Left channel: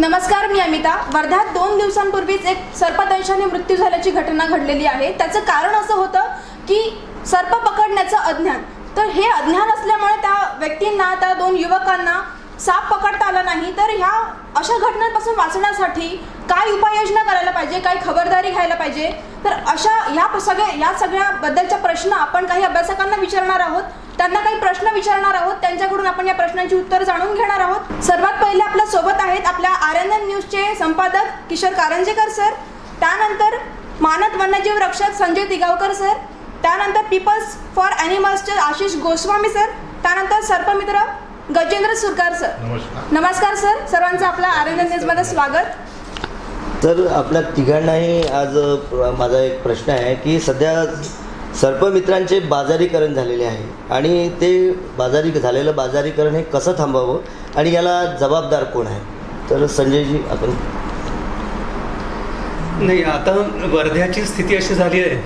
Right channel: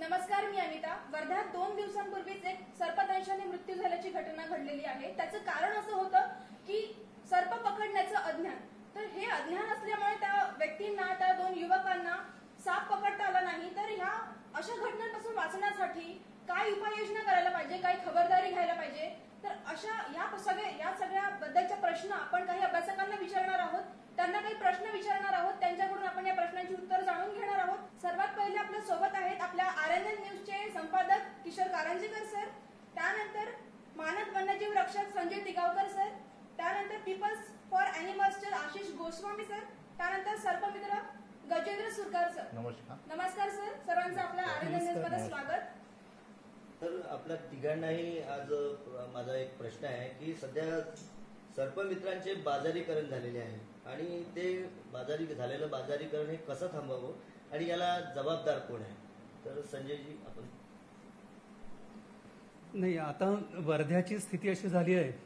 नमस्कार, मी अमिता. वर्ध्यात 2 दिवसांपूर्वीच एक सर्पदंशाने मृत्यू झाल्याची घटना घडलेली आहे. त्याचं कारण असं होतं की सर्प पकडण्याचं अज्ञान. तर हे अज्ञान असल्यामुळे त्या व्यक्तींना, त्या 2 युवकांना साप पकडता आला नाही. तर ह्या अशा घटनांपासून वाचण्यासाठी काय उपाययोजना करायला पाहिजे, काय खबरदारी घ्यायला पाहिजे, तर अशा या सगळ्याबद्दलचा प्रश्न आपण काही अभ्यासकांना विचारणार आहोत. त्यांना काही प्रश्न विचारणार आहोत, त्यांच्याकडून आपण या प्रश्नांची उत्तर जाणून घेणार आहोत. सर्वात पहिले आपल्या सोबत आहेत आपल्या RNN न्यूजचे संपादक किशोर कारंजेकर सर, त्यानंतर मानद वन्यजीव रक्षक संजय तिगावकर सर, त्यानंतर पीपल्स फॉर ॲनिमल्सचे आशिष गोस्वामी सर, त्यानंतर सर्पमित्र गजेंद्र सुरकार सर. नमस्कार सर, सर्वांचं आपल्या RNN न्यूजमध्ये स्वागत. तर आपल्या तिघांनाही आज माझा एक प्रश्न आहे की सध्या सर्पमित्रांचे बाजारीकरण झालेले आहे आणि ते झालेलं बाजारीकरण हे कसं थांबावं आणि याला जबाबदार कोण आहे? तर संजयजी आपण. नाही, आता वर्ध्याची स्थिती अशी झाली आहे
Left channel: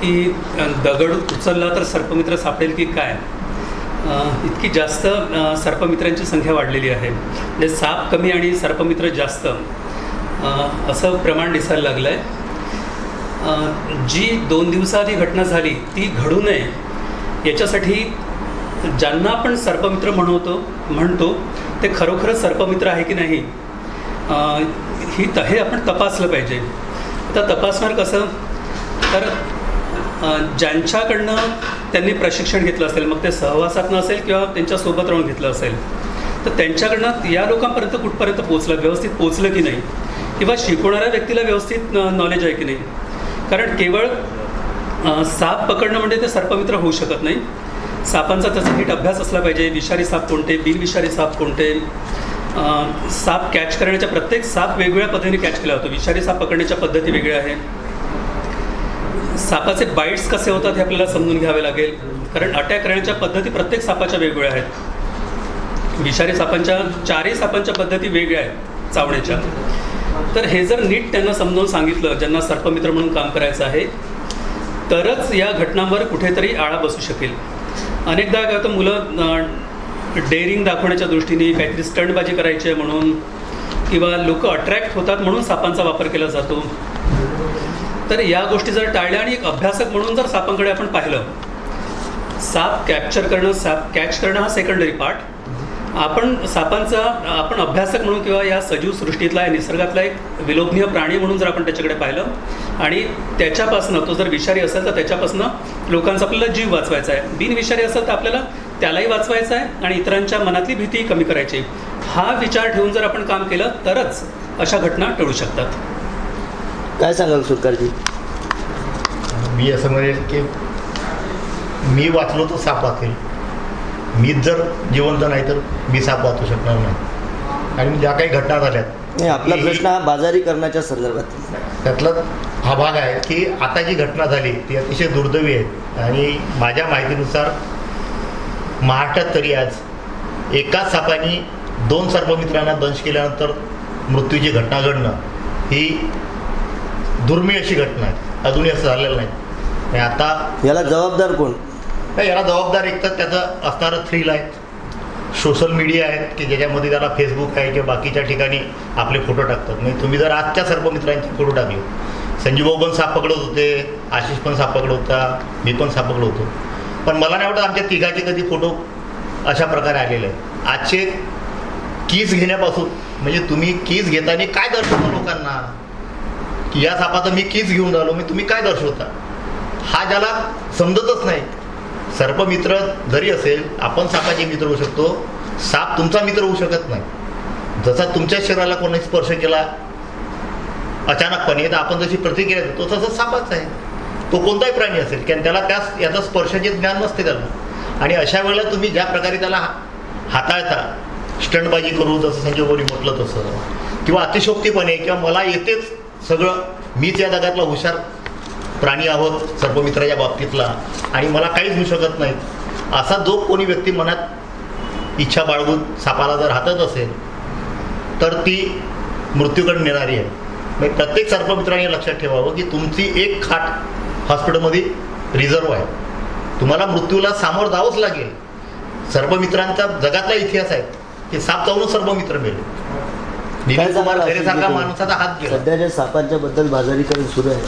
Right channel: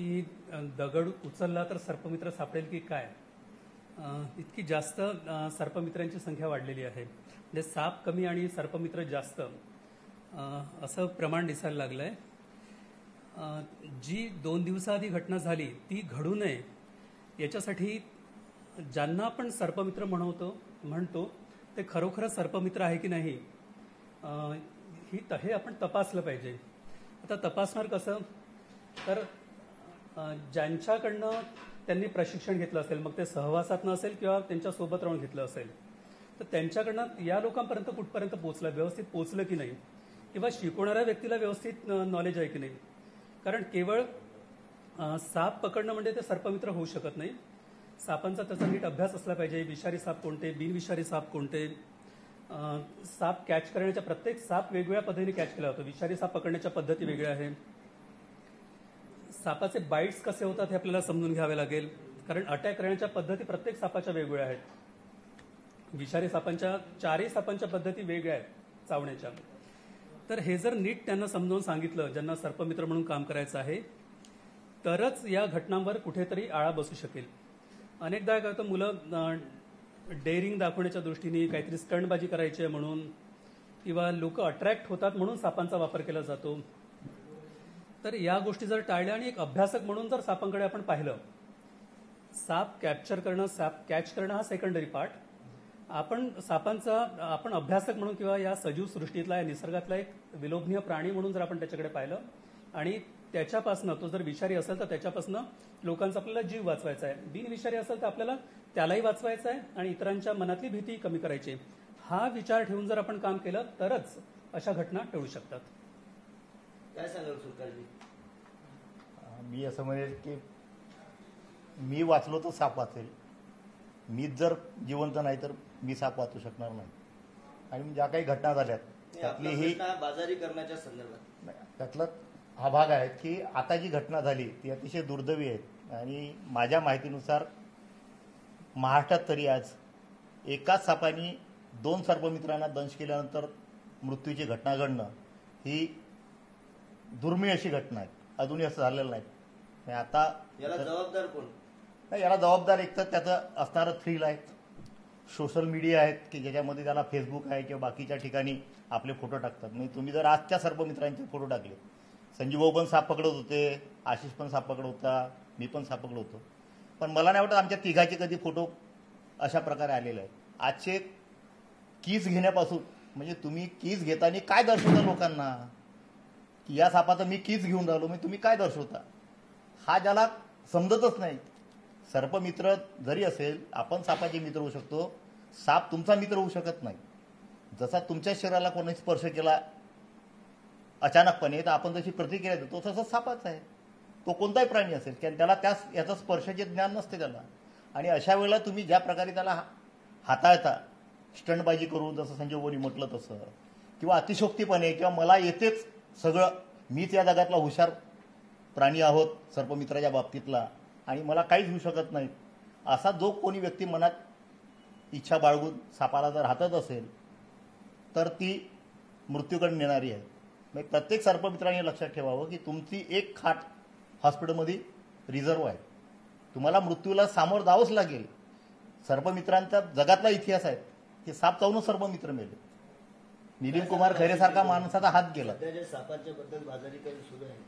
की दगड उचलला तर सर्पमित्र सापडेल की काय, इतकी जास्त सर्पमित्रांची संख्या वाढलेली आहे. म्हणजे साप कमी आणि सर्पमित्र जास्त असं प्रमाण दिसायला लागलं आहे. जी 2 दिवसाआधी घटना झाली ती घडू नये याच्यासाठी ज्यांना आपण सर्पमित्र म्हणतो ते खरोखर सर्पमित्र आहे की नाही हे आपण तपासलं पाहिजे. तर तपासणार कसं? तर ज्यांच्याकडनं त्यांनी प्रशिक्षण घेतलं असेल, मग ते सहवासातनं असेल किंवा त्यांच्यासोबत राहून घेतलं असेल, तर त्यांच्याकडनं या लोकांपर्यंत कुठपर्यंत पोचलं, व्यवस्थित पोचलं की नाही, किंवा शिकवणाऱ्या व्यक्तीला व्यवस्थित नॉलेज आहे की नाही. कारण केवळ साप पकडणं म्हणजे ते सर्पमित्र होऊ शकत नाही. सापांचा त्याचा नीट अभ्यास असला पाहिजे. विषारी साप कोणते, बिनविषारी साप कोणते, साप कॅच करण्याच्या प्रत्येक साप वेगवेगळ्या पद्धतीने कॅच केला जातो. विषारी साप पकडण्याच्या पद्धती वेगळ्या आहे. सापाचे बाईट्स कसे होतात हे आपल्याला समजून घ्यावे लागेल, कारण अटॅक करण्याच्या पद्धती प्रत्येक सापाच्या वेगवेगळ्या आहेत. विषारी सापांच्या 4ही सापांच्या पद्धती वेगळ्या आहेत चावण्याच्या. तर हे जर नीट त्यांना समजावून सांगितलं, ज्यांना सर्पमित्र म्हणून काम करायचं आहे, तरच या घटनांवर कुठेतरी आळा बसू शकेल. अनेकदा काय होतं, मुलं डेअरिंग दाखवण्याच्या दृष्टीने काहीतरी स्टंटबाजी करायची आहे म्हणून, किंवा लोक अट्रॅक्ट होतात म्हणून सापांचा वापर केला जातो. तर या गोष्टी जर टाळल्या आणि एक अभ्यासक म्हणून जर सापांकडे आपण पाहिलं, साप कॅप्चर करणं, साप कॅच करणं हा सेकंडरी पार्ट. आपण अभ्यासक म्हणून किंवा या सजीव सृष्टीतला, या निसर्गातला एक विलोभनीय प्राणी म्हणून जर आपण त्याच्याकडे पाहिलं आणि त्याच्यापासनं, तो जर विषारी असेल तर त्याच्यापासनं लोकांचा आपल्याला जीव वाचवायचा आहे, बिनविषारी असेल तर आपल्याला त्यालाही वाचवायचं आहे आणि इतरांच्या मनातली भीतीही कमी करायची. हा विचार ठेवून जर आपण काम केलं तरच अशा घटना टळू शकतात. काय सांगाल सुरकारजी? मी असं म्हणेल की मी वाचलो तर साप वाचेल. मीच जर जिवंत नाही तर मी साप वाचू शकणार नाही. आणि ज्या काही घटना झाल्यात, आपला प्रश्न हा बाजारीकरणाच्या संदर्भात, त्यातला हा भाग आहे की आता जी घटना झाली ती अतिशय दुर्दैवी आहे. आणि माझ्या माहितीनुसार महाराष्ट्रात तरी आज एकाच सापाने 2 सर्पमित्रांना दंश केल्यानंतर मृत्यूची घटना घडणं ही दुर्मिळ अशी घटना आहे. अजूनही असं झालेलं नाही. आणि आता याला जबाबदार कोण? याला जबाबदार एक तर त्याचं असणारं थ्रिल आहे, सोशल मीडिया आहेत की ज्याच्यामध्ये त्याला फेसबुक आहे किंवा बाकीच्या ठिकाणी आपले फोटो टाकतात. म्हणजे तुम्ही जर आजच्या सर्पमित्रांचे फोटो टाकले, संजीवभाऊ पण साप पकडत होते, आशिष पण साप पकडत होता, मी पण साप पकडत होतो, पण मला नाही वाटत आमच्या तिघाचे कधी फोटो अशा प्रकारे आलेले आहेत. आजचे कीज घेण्यापासून, म्हणजे तुम्ही कीज घेताना काय दर्शवता लोकांना की या सापाचा मी कीज घेऊन राहिलो, मी तुम्ही काय दर्शवता, हा ज्याला समजतच नाही. सर्पमित्र जरी असेल, आपण सापाचे मित्र होऊ शकतो, साप तुमचा मित्र होऊ शकत नाही. जसा तुमच्या शरीराला कोणी स्पर्श केला अचानकपणे तर आपण जशी प्रतिक्रिया देतो तसं सापाच आहे. तो कोणताही प्राणी असेल कारण त्याला याचा स्पर्शाचे ज्ञान नसते त्याला. आणि अशा वेळेला तुम्ही ज्या प्रकारे त्याला हाताळता, स्टंटबाजी करू जसं संजय भाऊनी म्हटलं तसं, किंवा अतिशोक्तीपणे, किंवा मला येतेच सगळं, मीच या जगातला हुशार प्राणी आहोत सर्पमित्राच्या बाबतीतला आणि मला काहीच होऊ शकत नाही, असा जो कोणी व्यक्ती मनात इच्छा बाळगून सापाला जर हातत असेल तर ती मृत्यूकडे नेणारी आहे. म्हणजे प्रत्येक सर्पमित्राने लक्षात ठेवावं की तुमची एक खाट हॉस्पिटलमध्ये रिझर्व आहे. तुम्हाला मृत्यूला सामोरं जावंच लागेल. सर्पमित्रांचा जगातला इतिहास आहे की साप जाऊनच सर्पमित्र मिळेल. नितीन कुमार खैरेसारखा माणसाचा हात गेला. सध्याच्या सापांच्या बद्दल बाजारीकरण सुरू आहे.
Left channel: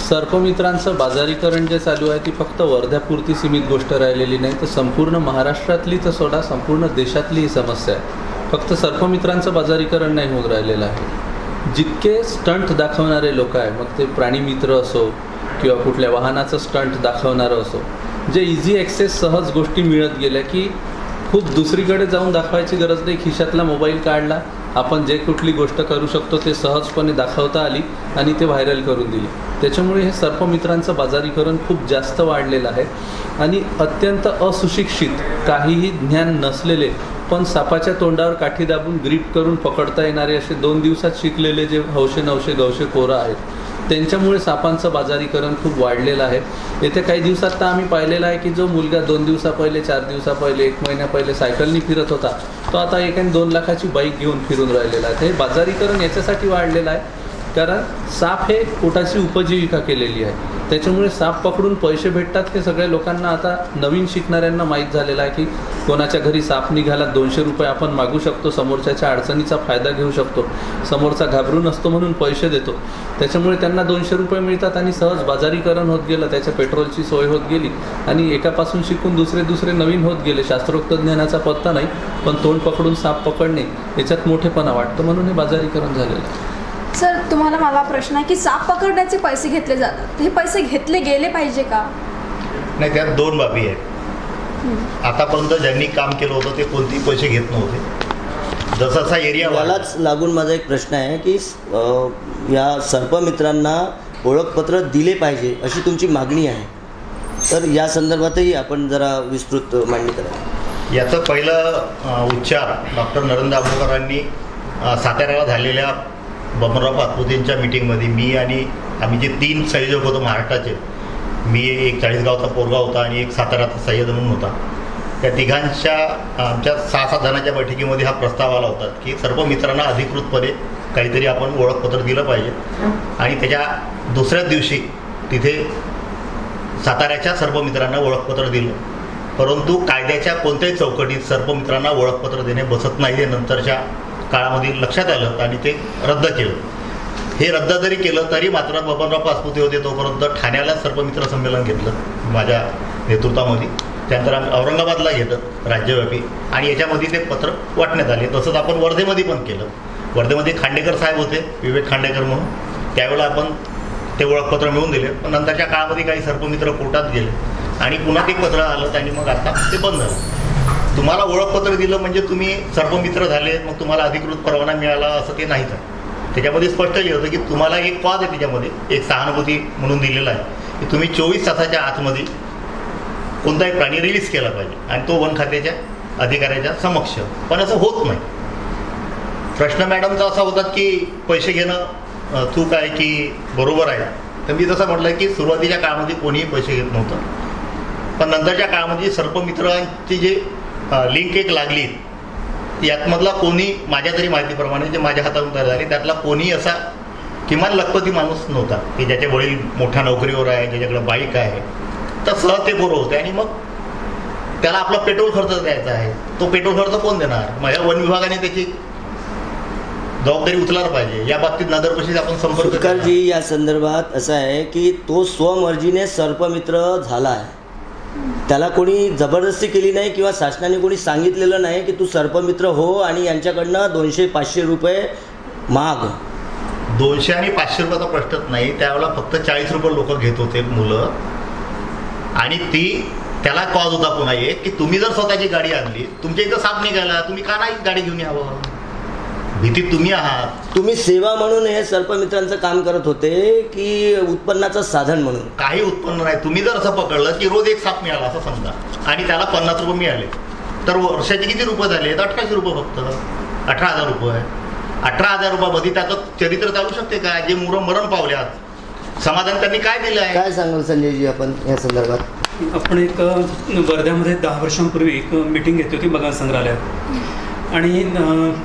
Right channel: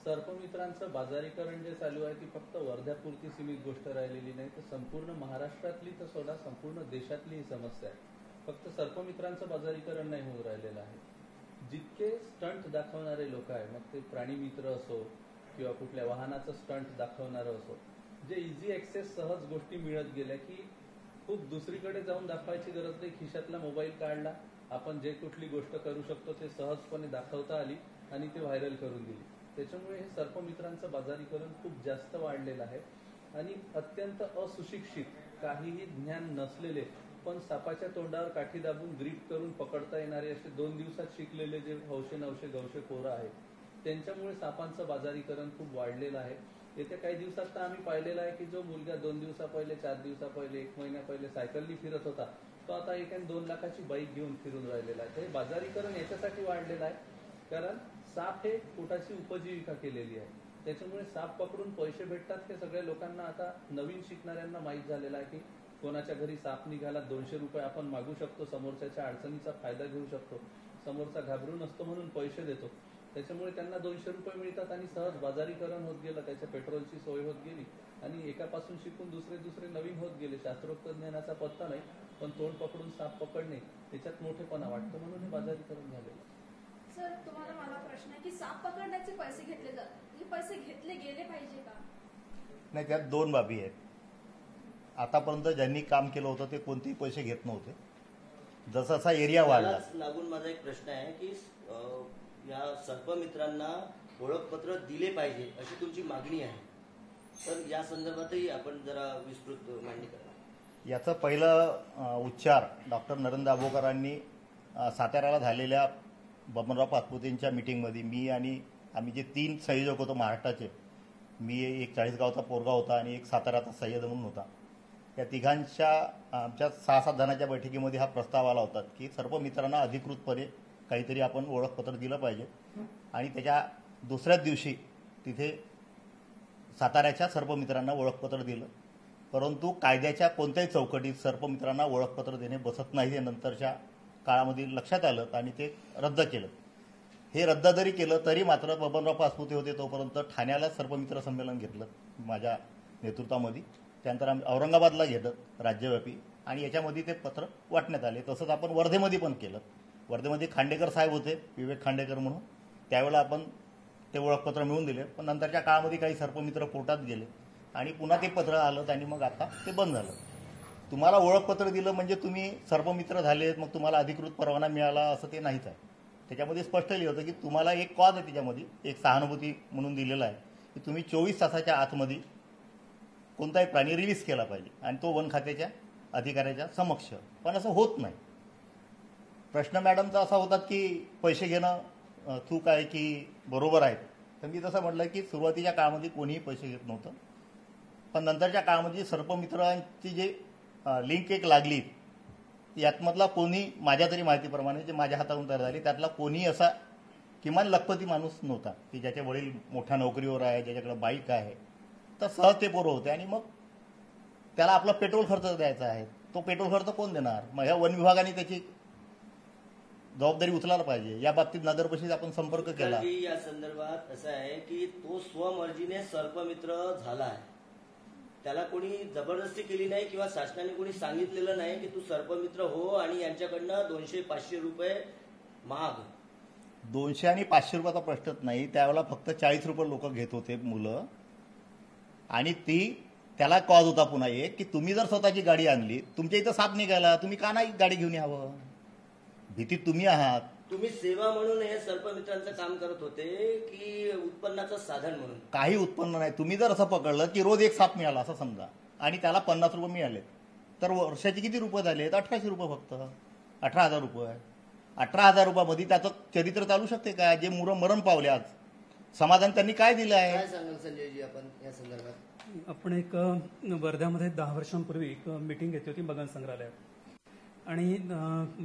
सर्पमित्रांचं बाजारीकरण जे चालू आहे ती फक्त वर्ध्यापुरती सीमित गोष्ट राहिलेली नाही, तर संपूर्ण महाराष्ट्रातली तर सोडा संपूर्ण देशातली ही समस्या आहे. फक्त सर्पमित्रांचं बाजारीकरण नाही होत राहिलेलं आहे. जितके स्टंट दाखवणारे लोक आहे, मग ते प्राणीमित्र असो किंवा कुठल्या वाहनाचं स्टंट दाखवणारं असो, जे इझी ॲक्सेस सहज गोष्टी मिळत गेल्या की खूप दुसरीकडे जाऊन दाखवायची गरज नाही. खिशातला मोबाईल काढला, आपण जे कुठली गोष्ट करू शकतो ते सहजपणे दाखवता आली आणि ते व्हायरल करून दिली. त्याच्यामुळे हे सर्पमित्रांचं बाजारीकरण खूप जास्त वाढलेलं आहे. आणि अत्यंत अസുशिक्षित, काहीही ज्ञान नसलेले पण सापाच्या तोंडावर काठी दाबून ग्रीप करून पकडता येणारे असे 2 दिवसात शिकलेले जे हौशे नवशे गवशे पोरं आहेत, त्यांच्यामुळे सापांचं बाजारीकरण खूप वाढलेलं आहे. येत्या काही दिवसात तर आम्ही पाहिलेलं आहे की जो मुलगा 2 दिवसा पहिले, 4 दिवसा पहिले, 1 महिन्या पहिले सायकलनी फिरत होता, तो आता 1 आणि 2 लाखाची बाईक घेऊन फिरून राहिलेला आहे. हे बाजारीकरण याच्यासाठी वाढलेलं आहे कारण साप हे पोटाची उपजीविका केलेली आहे. त्याच्यामुळे साप पकडून पैसे भेटतात हे सगळ्या लोकांना आता नवीन शिकणाऱ्यांना माहीत झालेलं आहे की कोणाच्या घरी साप निघाला 200 रुपये आपण मागू शकतो, समोरच्याच्या अडचणीचा फायदा घेऊ शकतो, समोरचा घाबरून असतो म्हणून पैसे देतो. त्याच्यामुळे त्यांना 200 रुपये मिळतात आणि सहज बाजारीकरण होत गेलं, त्याच्या पेट्रोलची सोय होत गेली आणि एकापासून शिकून दुसरे नवीन होत गेले. शास्त्रोक्त ज्ञानाचा पत्ता नाही, पण तोंड पकडून साप पकडणे याच्यात मोठेपणा वाटतं, म्हणून हे बाजारीकरण झालेलं आहे. सर, तुम्हाला मला प्रश्न आहे की साप पकडण्याचे पैसे घेतले जातात, हे पैसे घेतले गेले पाहिजे का? नाही, त्यात 2 बाबी आहेत. आतापर्यंत ज्यांनी काम केलं होतं ते कोणतेही पैसे घेत नव्हते. जसा एरिया यालाच लागून माझा एक प्रश्न आहे की या सर्पमित्रांना ओळखपत्र दिले पाहिजे अशी तुमची मागणी आहे, तर या संदर्भातही आपण जरा विस्तृत मांडणी करा. याचं पहिलं उच्चार डॉक्टर नरेंद्र दाभोळकरांनी साताऱ्याला झालेल्या बबनराव पाचपुतेंच्या मीटिंगमध्ये मी आणि आम्ही जे 3 संयोजक होतो महाराष्ट्राचे, मी एक 40गावचा पोरगा होता आणि एक साताऱ्याचा सय्यद म्हणून होता, त्या तिघांच्या आमच्या 6-7 जणांच्या बैठकीमध्ये हा प्रस्ताव आला होता की सर्व मित्रांना अधिकृतपणे काहीतरी आपण ओळखपत्र दिलं पाहिजे. आणि त्याच्या दुसऱ्याच दिवशी तिथे साताऱ्याच्या सर्व मित्रांना ओळखपत्र दिलं. परंतु कायद्याच्या कोणत्याही चौकटीत सर्व मित्रांना ओळखपत्र देणे बसत नाही, हे नंतरच्या काळामध्ये लक्षात आलं आणि ते रद्द केलं. हे रद्द जरी केलं तरी मात्र बबनराव पाचपुते होते तोपर्यंत ठाण्याला सर्पमित्र संमेलन घेतलं माझ्या नेतृत्वामध्ये. त्यानंतर आम्ही औरंगाबादला घेतलं राज्यव्यापी आणि याच्यामध्ये ते पत्र वाटण्यात आले. तसंच आपण वर्धेमध्ये पण केलं. वर्धेमध्ये खांडेकर साहेब होते, विवेक खांडेकर म्हणून, त्यावेळेला आपण ते ओळखपत्र मिळवून दिले. पण नंतरच्या काळामध्ये काही सर्पमित्र कोर्टात गेले आणि पुन्हा ते पत्र आलं आणि मग आता ते बंद झालं. तुम्हाला ओळखपत्र दिलं म्हणजे तुम्ही सर्पमित्र झाले, मग तुम्हाला अधिकृत परवाना मिळाला असं ते नाहीच आहे. त्याच्यामध्ये स्पष्ट लिहिलं होतं की तुम्हाला एक पॉज आहे, त्याच्यामध्ये एक सहानुभूती म्हणून दिलेला आहे की तुम्ही 24 तासाच्या आतमध्ये कोणताही प्राणी रिलीज केला पाहिजे आणि तो वन खात्याच्या अधिकाऱ्याच्या समक्ष. पण असं होत नाही. प्रश्न मॅडमचा असा होता की पैसे घेणं चूक आहे की बरोबर आहे. तर मी जसं म्हटलं की सुरुवातीच्या काळामध्ये कोणीही पैसे घेत नव्हतं, पण नंतरच्या काळामध्ये सर्पमित्रांची जे लिंक एक लागली, यातमधला कोणी माझ्या तरी माहितीप्रमाणे जे माझ्या हातातून झाले त्यातला कोणी असा किमान लखपती माणूस नव्हता की ज्याचे वडील मोठ्या नोकरीवर आहे, ज्याच्याकडे बाईक आहे, तर सहज ते बरोबर होते. आणि मग त्याला आपला पेट्रोल खर्च द्यायचा आहे, तो पेट्रोल खर्च कोण देणार? मग वन विभागाने त्याची जबाबदारी उचलायला पाहिजे. या बाबतीत नगरपरिषद आपण संपर्क सुटकारजी, या संदर्भात असं आहे की तो स्वमर्जीने सर्पमित्र झाला आहे, त्याला कोणी जबरदस्ती केली नाही किंवा शासनाने कोणी सांगितलेलं नाही की तू सर्पमित्र हो आणि यांच्याकडनं 200-500 रुपये माग. 200 आणि 500 रुपयाचा प्रश्नच नाही. त्यावेळेला फक्त 40 रुपये लोक घेत होते मुलं. आणि त्याला कॉज होता पुन्हा एक की तुम्ही जर स्वतःची गाडी आणली, तुमच्या इथं साप निघाला, तुम्ही का नाही गाडी घेऊन यावं? भीती तुम्ही आहात. तुम्ही सेवा म्हणून हे सर्पमित्रांचं काम करत होते की उत्पन्नाचं साधन म्हणून? काही उत्पन्न नाही. तुम्ही जर असं पकडलं की रोज एक साप मिळाला असं समजा आणि त्याला 50 रुपये मिळाले, तर वर्षाचे किती रुपये झाले? 1800 रुपये, फक्त 18,000 रुपये. 18,000 रुपयामध्ये त्याचं चरित्र चालू शकते का? जे मरण पावल्यात, समाधान त्यांनी काय दिलं आहे? काय सांगाल संजयजी आपण या संदर्भात? आपण एक वर्ध्यामध्ये 10 वर्षांपूर्वी एक मीटिंग घेतली होती बगान संग्रहालयात आणि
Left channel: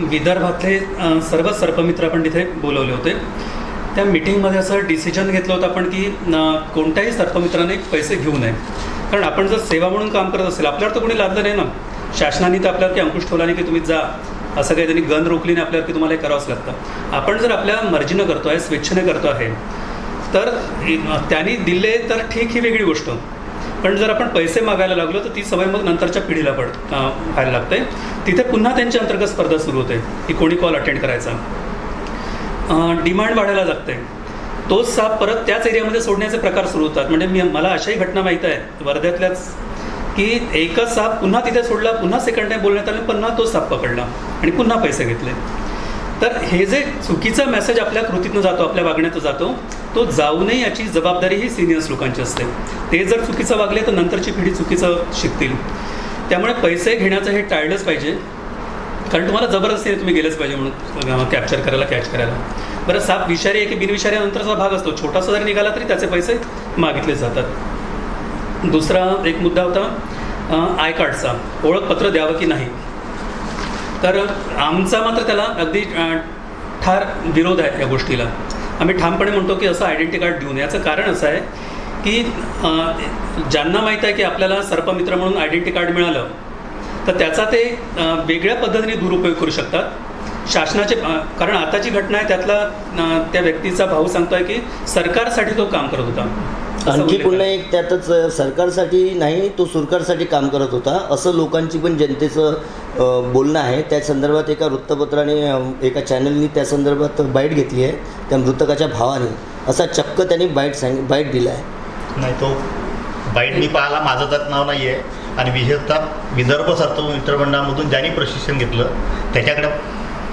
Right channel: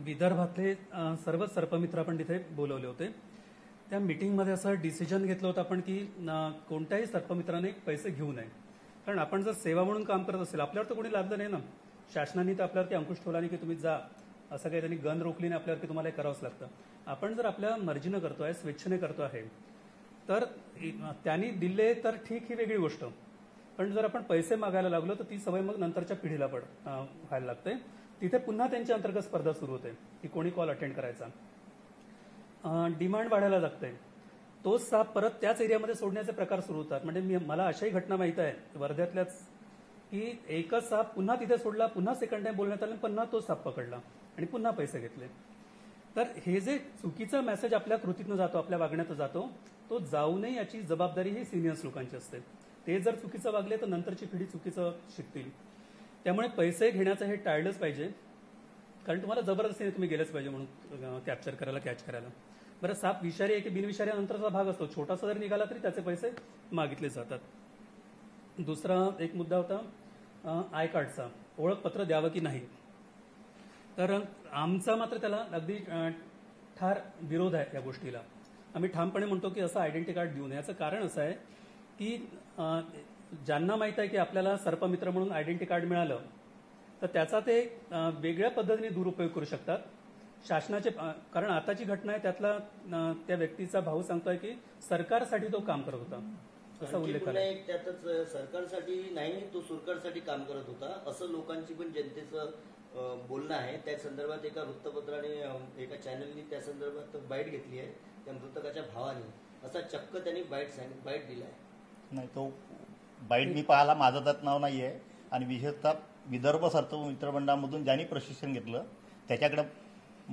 विदर्भातले सर्व सर्पमित्र आपण तिथे बोलवले होते. त्या मीटिंगमध्ये असं डिसिजन घेतलं होतं आपण की कोणत्याही सर्पमित्राने पैसे घेऊ नये. कारण आपण जर सेवा म्हणून काम करत असेल, आपल्यावर तर कोणी लादलं नाही ना, शासनाने तर आपल्यावरती अंकुश ठेवला नाही की तुम्ही जा असं काही त्यांनी गन रोखली नाही आपल्यावर की तुम्हाला हे करावंच लागतं. आपण जर आपल्या मर्जीनं करतो आहे, स्वेच्छेने करतो आहे, तर त्यांनी दिले तर ठीक, ही वेगळी गोष्ट. पण जर आपण पैसे मागायला लागलो तर ती सवय मग नंतरच्या पिढीला व्हायला लागते. तिथे पुन्हा त्यांच्या अंतर्गत स्पर्धा सुरू होते की कोणी कॉल अटेंड करायचा, डिमांड वाढायला लागते. तोच साप परत त्याच एरियामध्ये सोडण्याचे प्रकार सुरू होतात. म्हणजे मला अशाही घटना माहीत आहे वर्ध्यातल्याच की एकच साप पुन्हा तिथे सोडला, पुन्हा सेकंड टाईम बोलण्यात आलं, पुन्हा तो साप पकडला आणि पुन्हा पैसे घेतले. तर हे जे चुकीचा मेसेज आपल्या कृतीतनं जातो, आपल्या वागण्यातून जातो, तो जाऊ नये याची जबाबदारी ही सिनियर्स लोकांची असते. ते जर चुकीचं वागले तर नंतरची पिढी चुकीचं शिकतील. त्यामुळे पैसे घेण्याचं हे टाळलंच पाहिजे, कारण तुम्हाला जबरदस्तीने तुम्ही गेलंच पाहिजे म्हणून कॅप्चर करायला, कॅच करायला. बरं, साप विषारी आहे की बिनविषारी नंतरचा भाग असतो, छोटासा जरी निघाला तरी त्याचे पैसे मागितले जातात. दुसरा एक मुद्दा होता आय कार्डचा, ओळखपत्र द्यावं की नाही. तर आमचा मात्र त्याला अगदी ठार विरोध आहे या गोष्टीला. आम्ही ठामपणे म्हणतो की असं आयडेंटिटी कार्ड देऊ नये. याचं कारण असं आहे की ज्यांना माहीत आहे की आपल्याला सर्पमित्र म्हणून आयडेंटिटी कार्ड मिळालं तर त्याचा ते वेगळ्या पद्धतीने दुरुपयोग करू शकतात. शासनाचे, कारण आताची घटना आहे त्यातला त्या व्यक्तीचा भाऊ सांगतोय की सरकारसाठी तो काम करत होता. आणखी पुन्हा एक त्यातच सरकारसाठी नाही, तो सुरकारसाठी काम करत होता असं लोकांची पण जनतेचं बोलणं आहे. त्या संदर्भात एका वृत्तपत्राने, एका चॅनलनी त्या संदर्भात बाईट घेतली आहे. त्या मृतकाच्या भावाने असा चक्क त्यांनी बाईट दिला आहे. नाही, तो बाईट मी पाहायला माझं त्यात नाव नाही आहे. आणि विशेषतः विदर्भ सर्पमित्र मंडळामधून ज्यांनी प्रशिक्षण घेतलं त्याच्याकडे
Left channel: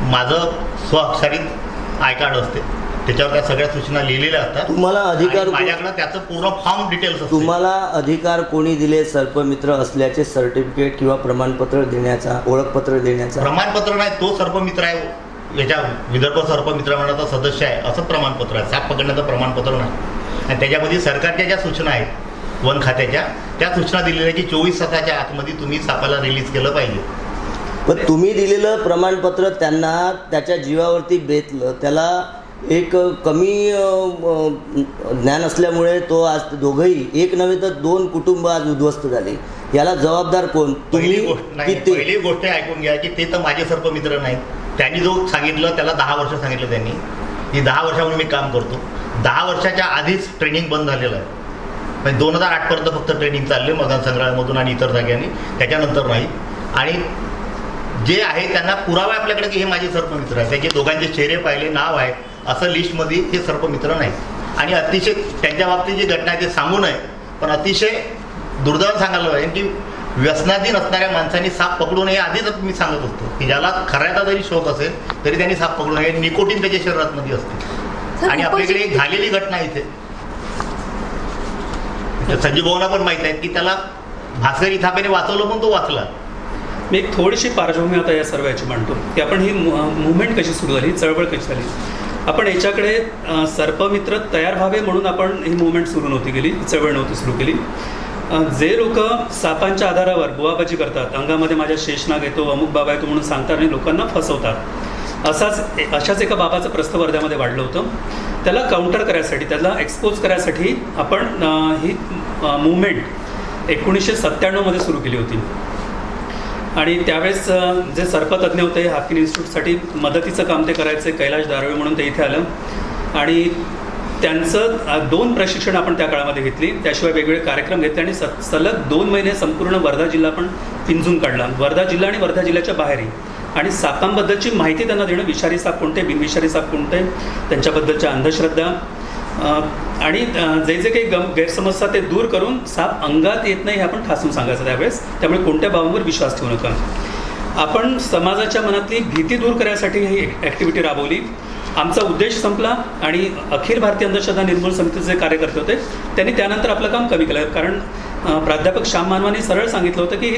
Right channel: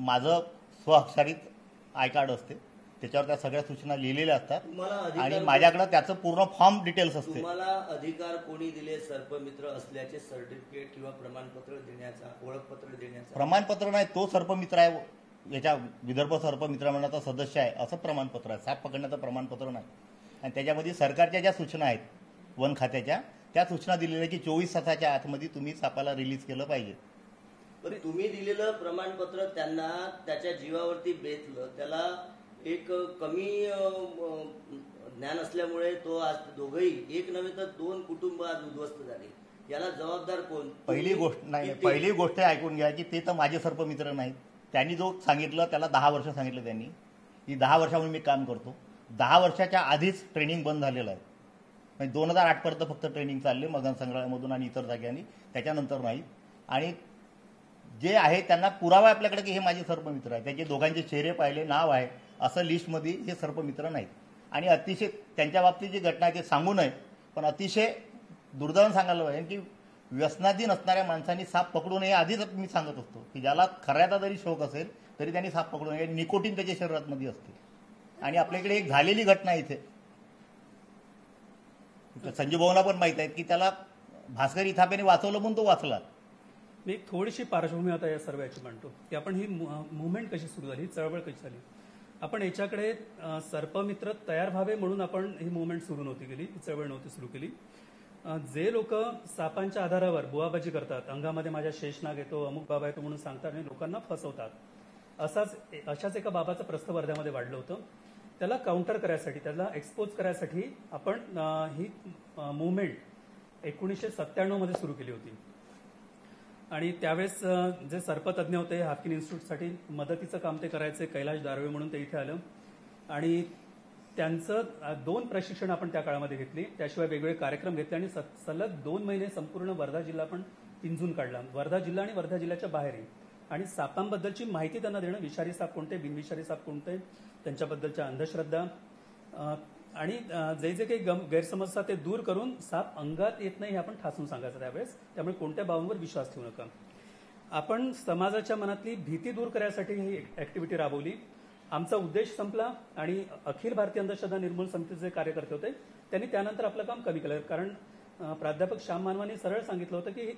माझं स्वाक्षरित आय कार्ड असते, त्याच्यावर त्या सगळ्या सूचना लिहिलेल्या असतात. तुम्हाला अधिकार, माझ्याकडे त्याचं पूर्ण फॉर्म डिटेल्स. तुम्हाला अधिकार कोणी दिले सर्पमित्र असल्याचे सर्टिफिकेट किंवा प्रमाणपत्र देण्याचा, ओळखपत्र देण्याचा? प्रमाणपत्र नाही, तो सर्पमित्र आहे, याच्या विदर्भ सर्पमित्र मंडळाचा सदस्य आहे असं प्रमाणपत्र आहे. साप पकडण्याचं प्रमाणपत्र नाही. आणि त्याच्यामध्ये सरकारच्या ज्या सूचना आहेत वन खात्याच्या, त्या सूचना दिलेल्या की 24 तासाच्या आतमध्ये तुम्ही सापाला रिलीज केलं पाहिजे. पण तुम्ही दिलेलं प्रमाणपत्र त्यांना त्याच्या जीवावरती बेतलं, त्याला एक कमी ज्ञान असल्यामुळे तो आज दोघंही, एक नव्हे तर 2 कुटुंब आज उद्ध्वस्त झाली. याला जबाबदार कोण? पहिली गोष्ट ऐकून घ्या की ते तर माझे सर्पमित्र नाहीत. त्यांनी जो सांगितलं त्याला 10 वर्ष सांगितलं त्यांनी. ही 10 वर्षापासून मी काम करतो. 10 वर्षाच्या आधीच ट्रेनिंग बंद झालेलं आहे. म्हणजे 2008 पर्यंत फक्त ट्रेनिंग चालले मदान संग्रहालयामधून आणि इतर जाग्यांनी, त्याच्यानंतर नाही. आणि जे आहे त्यांना पुरावे आपल्याकडे की हे माझे सर्पमित्र आहे, त्याचे दोघांचे चेहरे पाहिले, नाव आहे, असं लिस्टमध्ये हे सर्पमित्र नाही. आणि अतिशय त्यांच्या बाबतीत जी घटना आहे ते सांगू नये, पण अतिशय दुर्दैव सांगायला पाहिजे की व्यसनाधीन असणाऱ्या माणसांनी साप पकडू नये. आधीच मी सांगत असतो की ज्याला खरायचा जरी शोध असेल तरी त्यांनी साप पकडू नये. निकोटीन त्याच्या शरीरामध्ये असते. आणि आपल्याकडे एक झालेली घटना इथे संजीव भाऊला पण माहिती आहे की त्याला भास्करी थांबेने वाचवलं पण तो वाचला. मी एक थोडीशी पार्श्वभूमी आता या सर्वांची मांडतो की आपण ही मुवमेंट कशी सुरू झाली, चळवळ कशी झाली. आपण याच्याकडे सर्पमित्र तयार व्हावे म्हणून आपण ही मुवमेंट सुरू नव्हती केली, चळवळ नव्हती सुरू केली. जे लोक सापांच्या आधारावर बुवाबाजी करतात, अंगामध्ये माझ्या शेषनाग येतो, अमुक बाबा येतो म्हणून सांगतात आणि लोकांना फसवतात, अशाच एका बाबाचं प्रस्थ वर्ध्यामध्ये वाढलं होतं. त्याला काउंटर करायसाठी, त्याला एक्सपोज करायसाठी आपण ही मुवमेंट 1997 सुरू केली होती. आणि त्यावेळेस जे सर्पतज्ञ होते, हाफकिन इन्स्टिट्यूटसाठी मदतीचं काम ते करायचे, कैलाश दारवे म्हणून ते इथे आलं. आणि त्यांचं 2 प्रशिक्षण आपण त्या काळामध्ये घेतली. त्याशिवाय वेगवेगळे कार्यक्रम घेतले आणि सलग 2 महिने संपूर्ण वर्धा जिल्हा पण पिंजून काढला, वर्धा जिल्हा आणि वर्धा जिल्ह्याच्या बाहेरही. आणि सापांबद्दलची माहिती त्यांना देणं, विषारी साप कोणते, बिनविषारी साप कोणते, त्यांच्याबद्दलच्या अंधश्रद्धा आणि जे जे काही गैरसमज ते दूर करून साप अंगात येत नाही हे आपण ठासून सांगायचं त्यावेळेस. त्यामुळे कोणत्या बाबांवर विश्वास ठेवू नका. आपण समाजाच्या मनातली भीती दूर करण्यासाठी ही ॲक्टिव्हिटी राबवली. आमचा उद्देश संपला आणि अखिल भारतीय अंधश्रद्धा निर्मूलन समितीचे जे कार्यकर्ते होते त्यांनी त्यानंतर आपलं काम कमी केलं. कारण प्राध्यापक श्याम मानवाने सरळ सांगितलं होतं की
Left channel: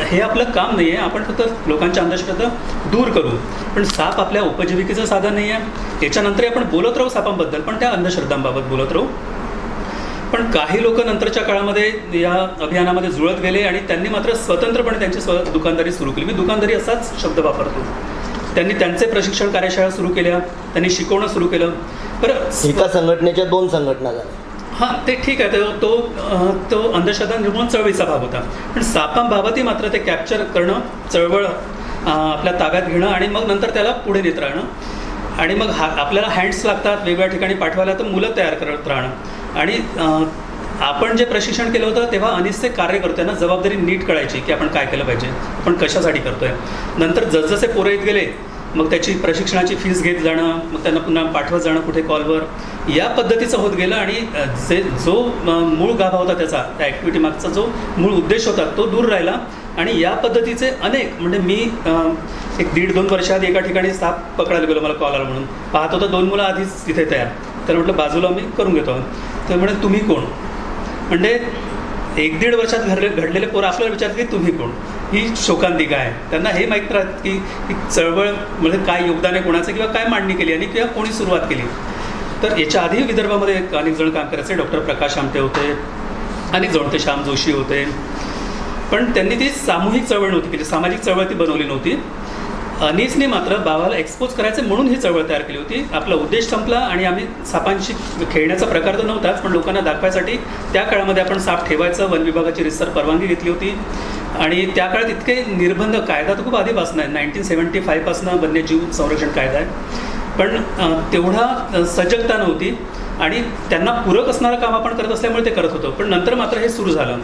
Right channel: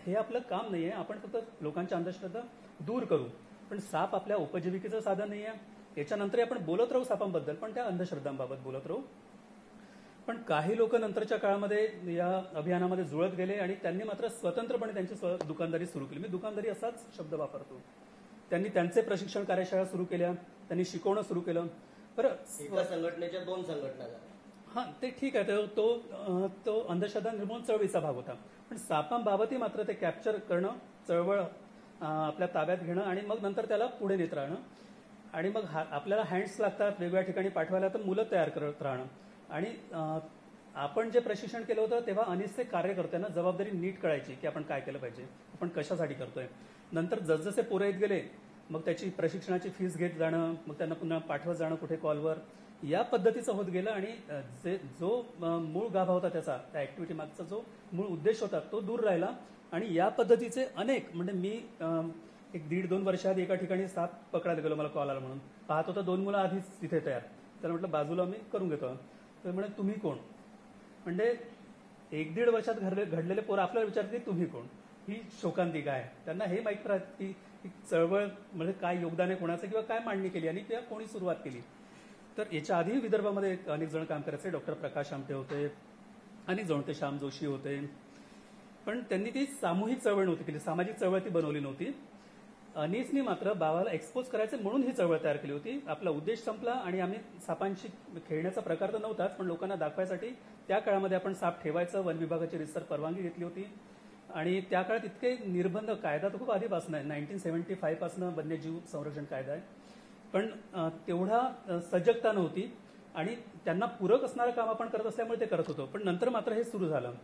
हे आपलं काम नाही आहे, आपण फक्त लोकांच्या अंधश्रद्धा दूर करू, पण साप आपल्या उपजीविकेचं साधन नाही आहे. याच्यानंतरही आपण बोलत राहू सापांबद्दल, पण त्या अंधश्रद्धांबाबत बोलत राहू. पण काही लोक नंतरच्या काळामध्ये या अभियानामध्ये जुळत गेले आणि त्यांनी मात्र स्वतंत्रपणे त्यांची दुकानदारी सुरू केली. मी दुकानदारी असाच शब्द वापरतो. त्यांनी त्यांचे प्रशिक्षण कार्यशाळा सुरू केल्या, त्यांनी शिकवणं सुरू केलं. बरं, एका संघटनेच्या 2 संघटना झाल्या. हां, ते ठीक आहे, तो अंधश्रद्धा निर्मूलन चळवळीचा भाग होता. पण सापांबाबतही मात्र ते कॅप्चर करणं, चळवळ आपल्या ताब्यात घेणं आणि मग नंतर त्याला पुढे नेत राहणं आणि मग आपल्याला हँड्स लागतात वेगवेगळ्या ठिकाणी पाठवायला, तर मुलं तयार करत राहणं आणि आपण जे प्रशिक्षण केलं होतं तेव्हा अनिसचे कार्य करतोय ना, जबाबदारी नीट कळायची की आपण काय केलं पाहिजे, आपण कशासाठी करतोय. नंतर जसजसे पोरं येत गेले मग त्याची प्रशिक्षणाची फीस घेत जाणं, मग त्यांना पुन्हा पाठवत जाणं कुठे कॉलवर, या पद्धतीचं होत गेलं आणि जो मूळ गाभा होता त्याचा, त्या ॲक्टिव्हिटी मागचा जो मूळ उद्देश होता तो दूर राहिला. आणि या पद्धतीचे अनेक, म्हणजे मी 1-1.5-2 वर्षात एका ठिकाणी साप पकडायला गेलो, मला कॉल आला म्हणून, पाहत होतं 2 मुलं आधीच तिथे तयार, तर म्हटलं बाजूला मी करून घेतो. तर म्हणजे तुम्ही कोण, म्हणजे 1-1.5 वर्षात घडलेले पोरं आपल्याला विचारतात की तुम्ही कोण, ही शोकांतिका आहे. त्यांना हे माहीत राहत की चळवळ म्हणजे काय योगदान आहे कोणाचं किंवा काय मांडणी केली आणि किंवा कोणी सुरुवात केली. तर याच्या आधी विदर्भामध्ये अनेक जण काम करायचे, डॉक्टर प्रकाश आमटे होते, अनेक जण होते, श्याम जोशी होते, पण त्यांनी ती सामूहिक चळवळ नव्हती केली, सामाजिक चळवळ ती बनवली नव्हती. अनीसने मात्र बाबाला एक्सपोज करायचं म्हणून ही चळवळ तयार केली होती. आपला उद्देश संपला आणि आम्ही सापांशी खेळण्याचा प्रकार तर नव्हताच, पण लोकांना दाखवायसाठी त्या काळामध्ये आपण साप ठेवायचं, वन विभागाची रितसर परवानगी घेतली होती. आणि त्या काळात इतके निर्बंध, कायदा तर खूप आधीपासून आहे, 1975 पासून वन्यजीव संरक्षण कायदा आहे, पण तेवढा सजगता नव्हती आणि त्यांना पूरक असणारं काम आपण करत असल्यामुळे ते करत होतो. पण नंतर मात्र हे सुरू झालं.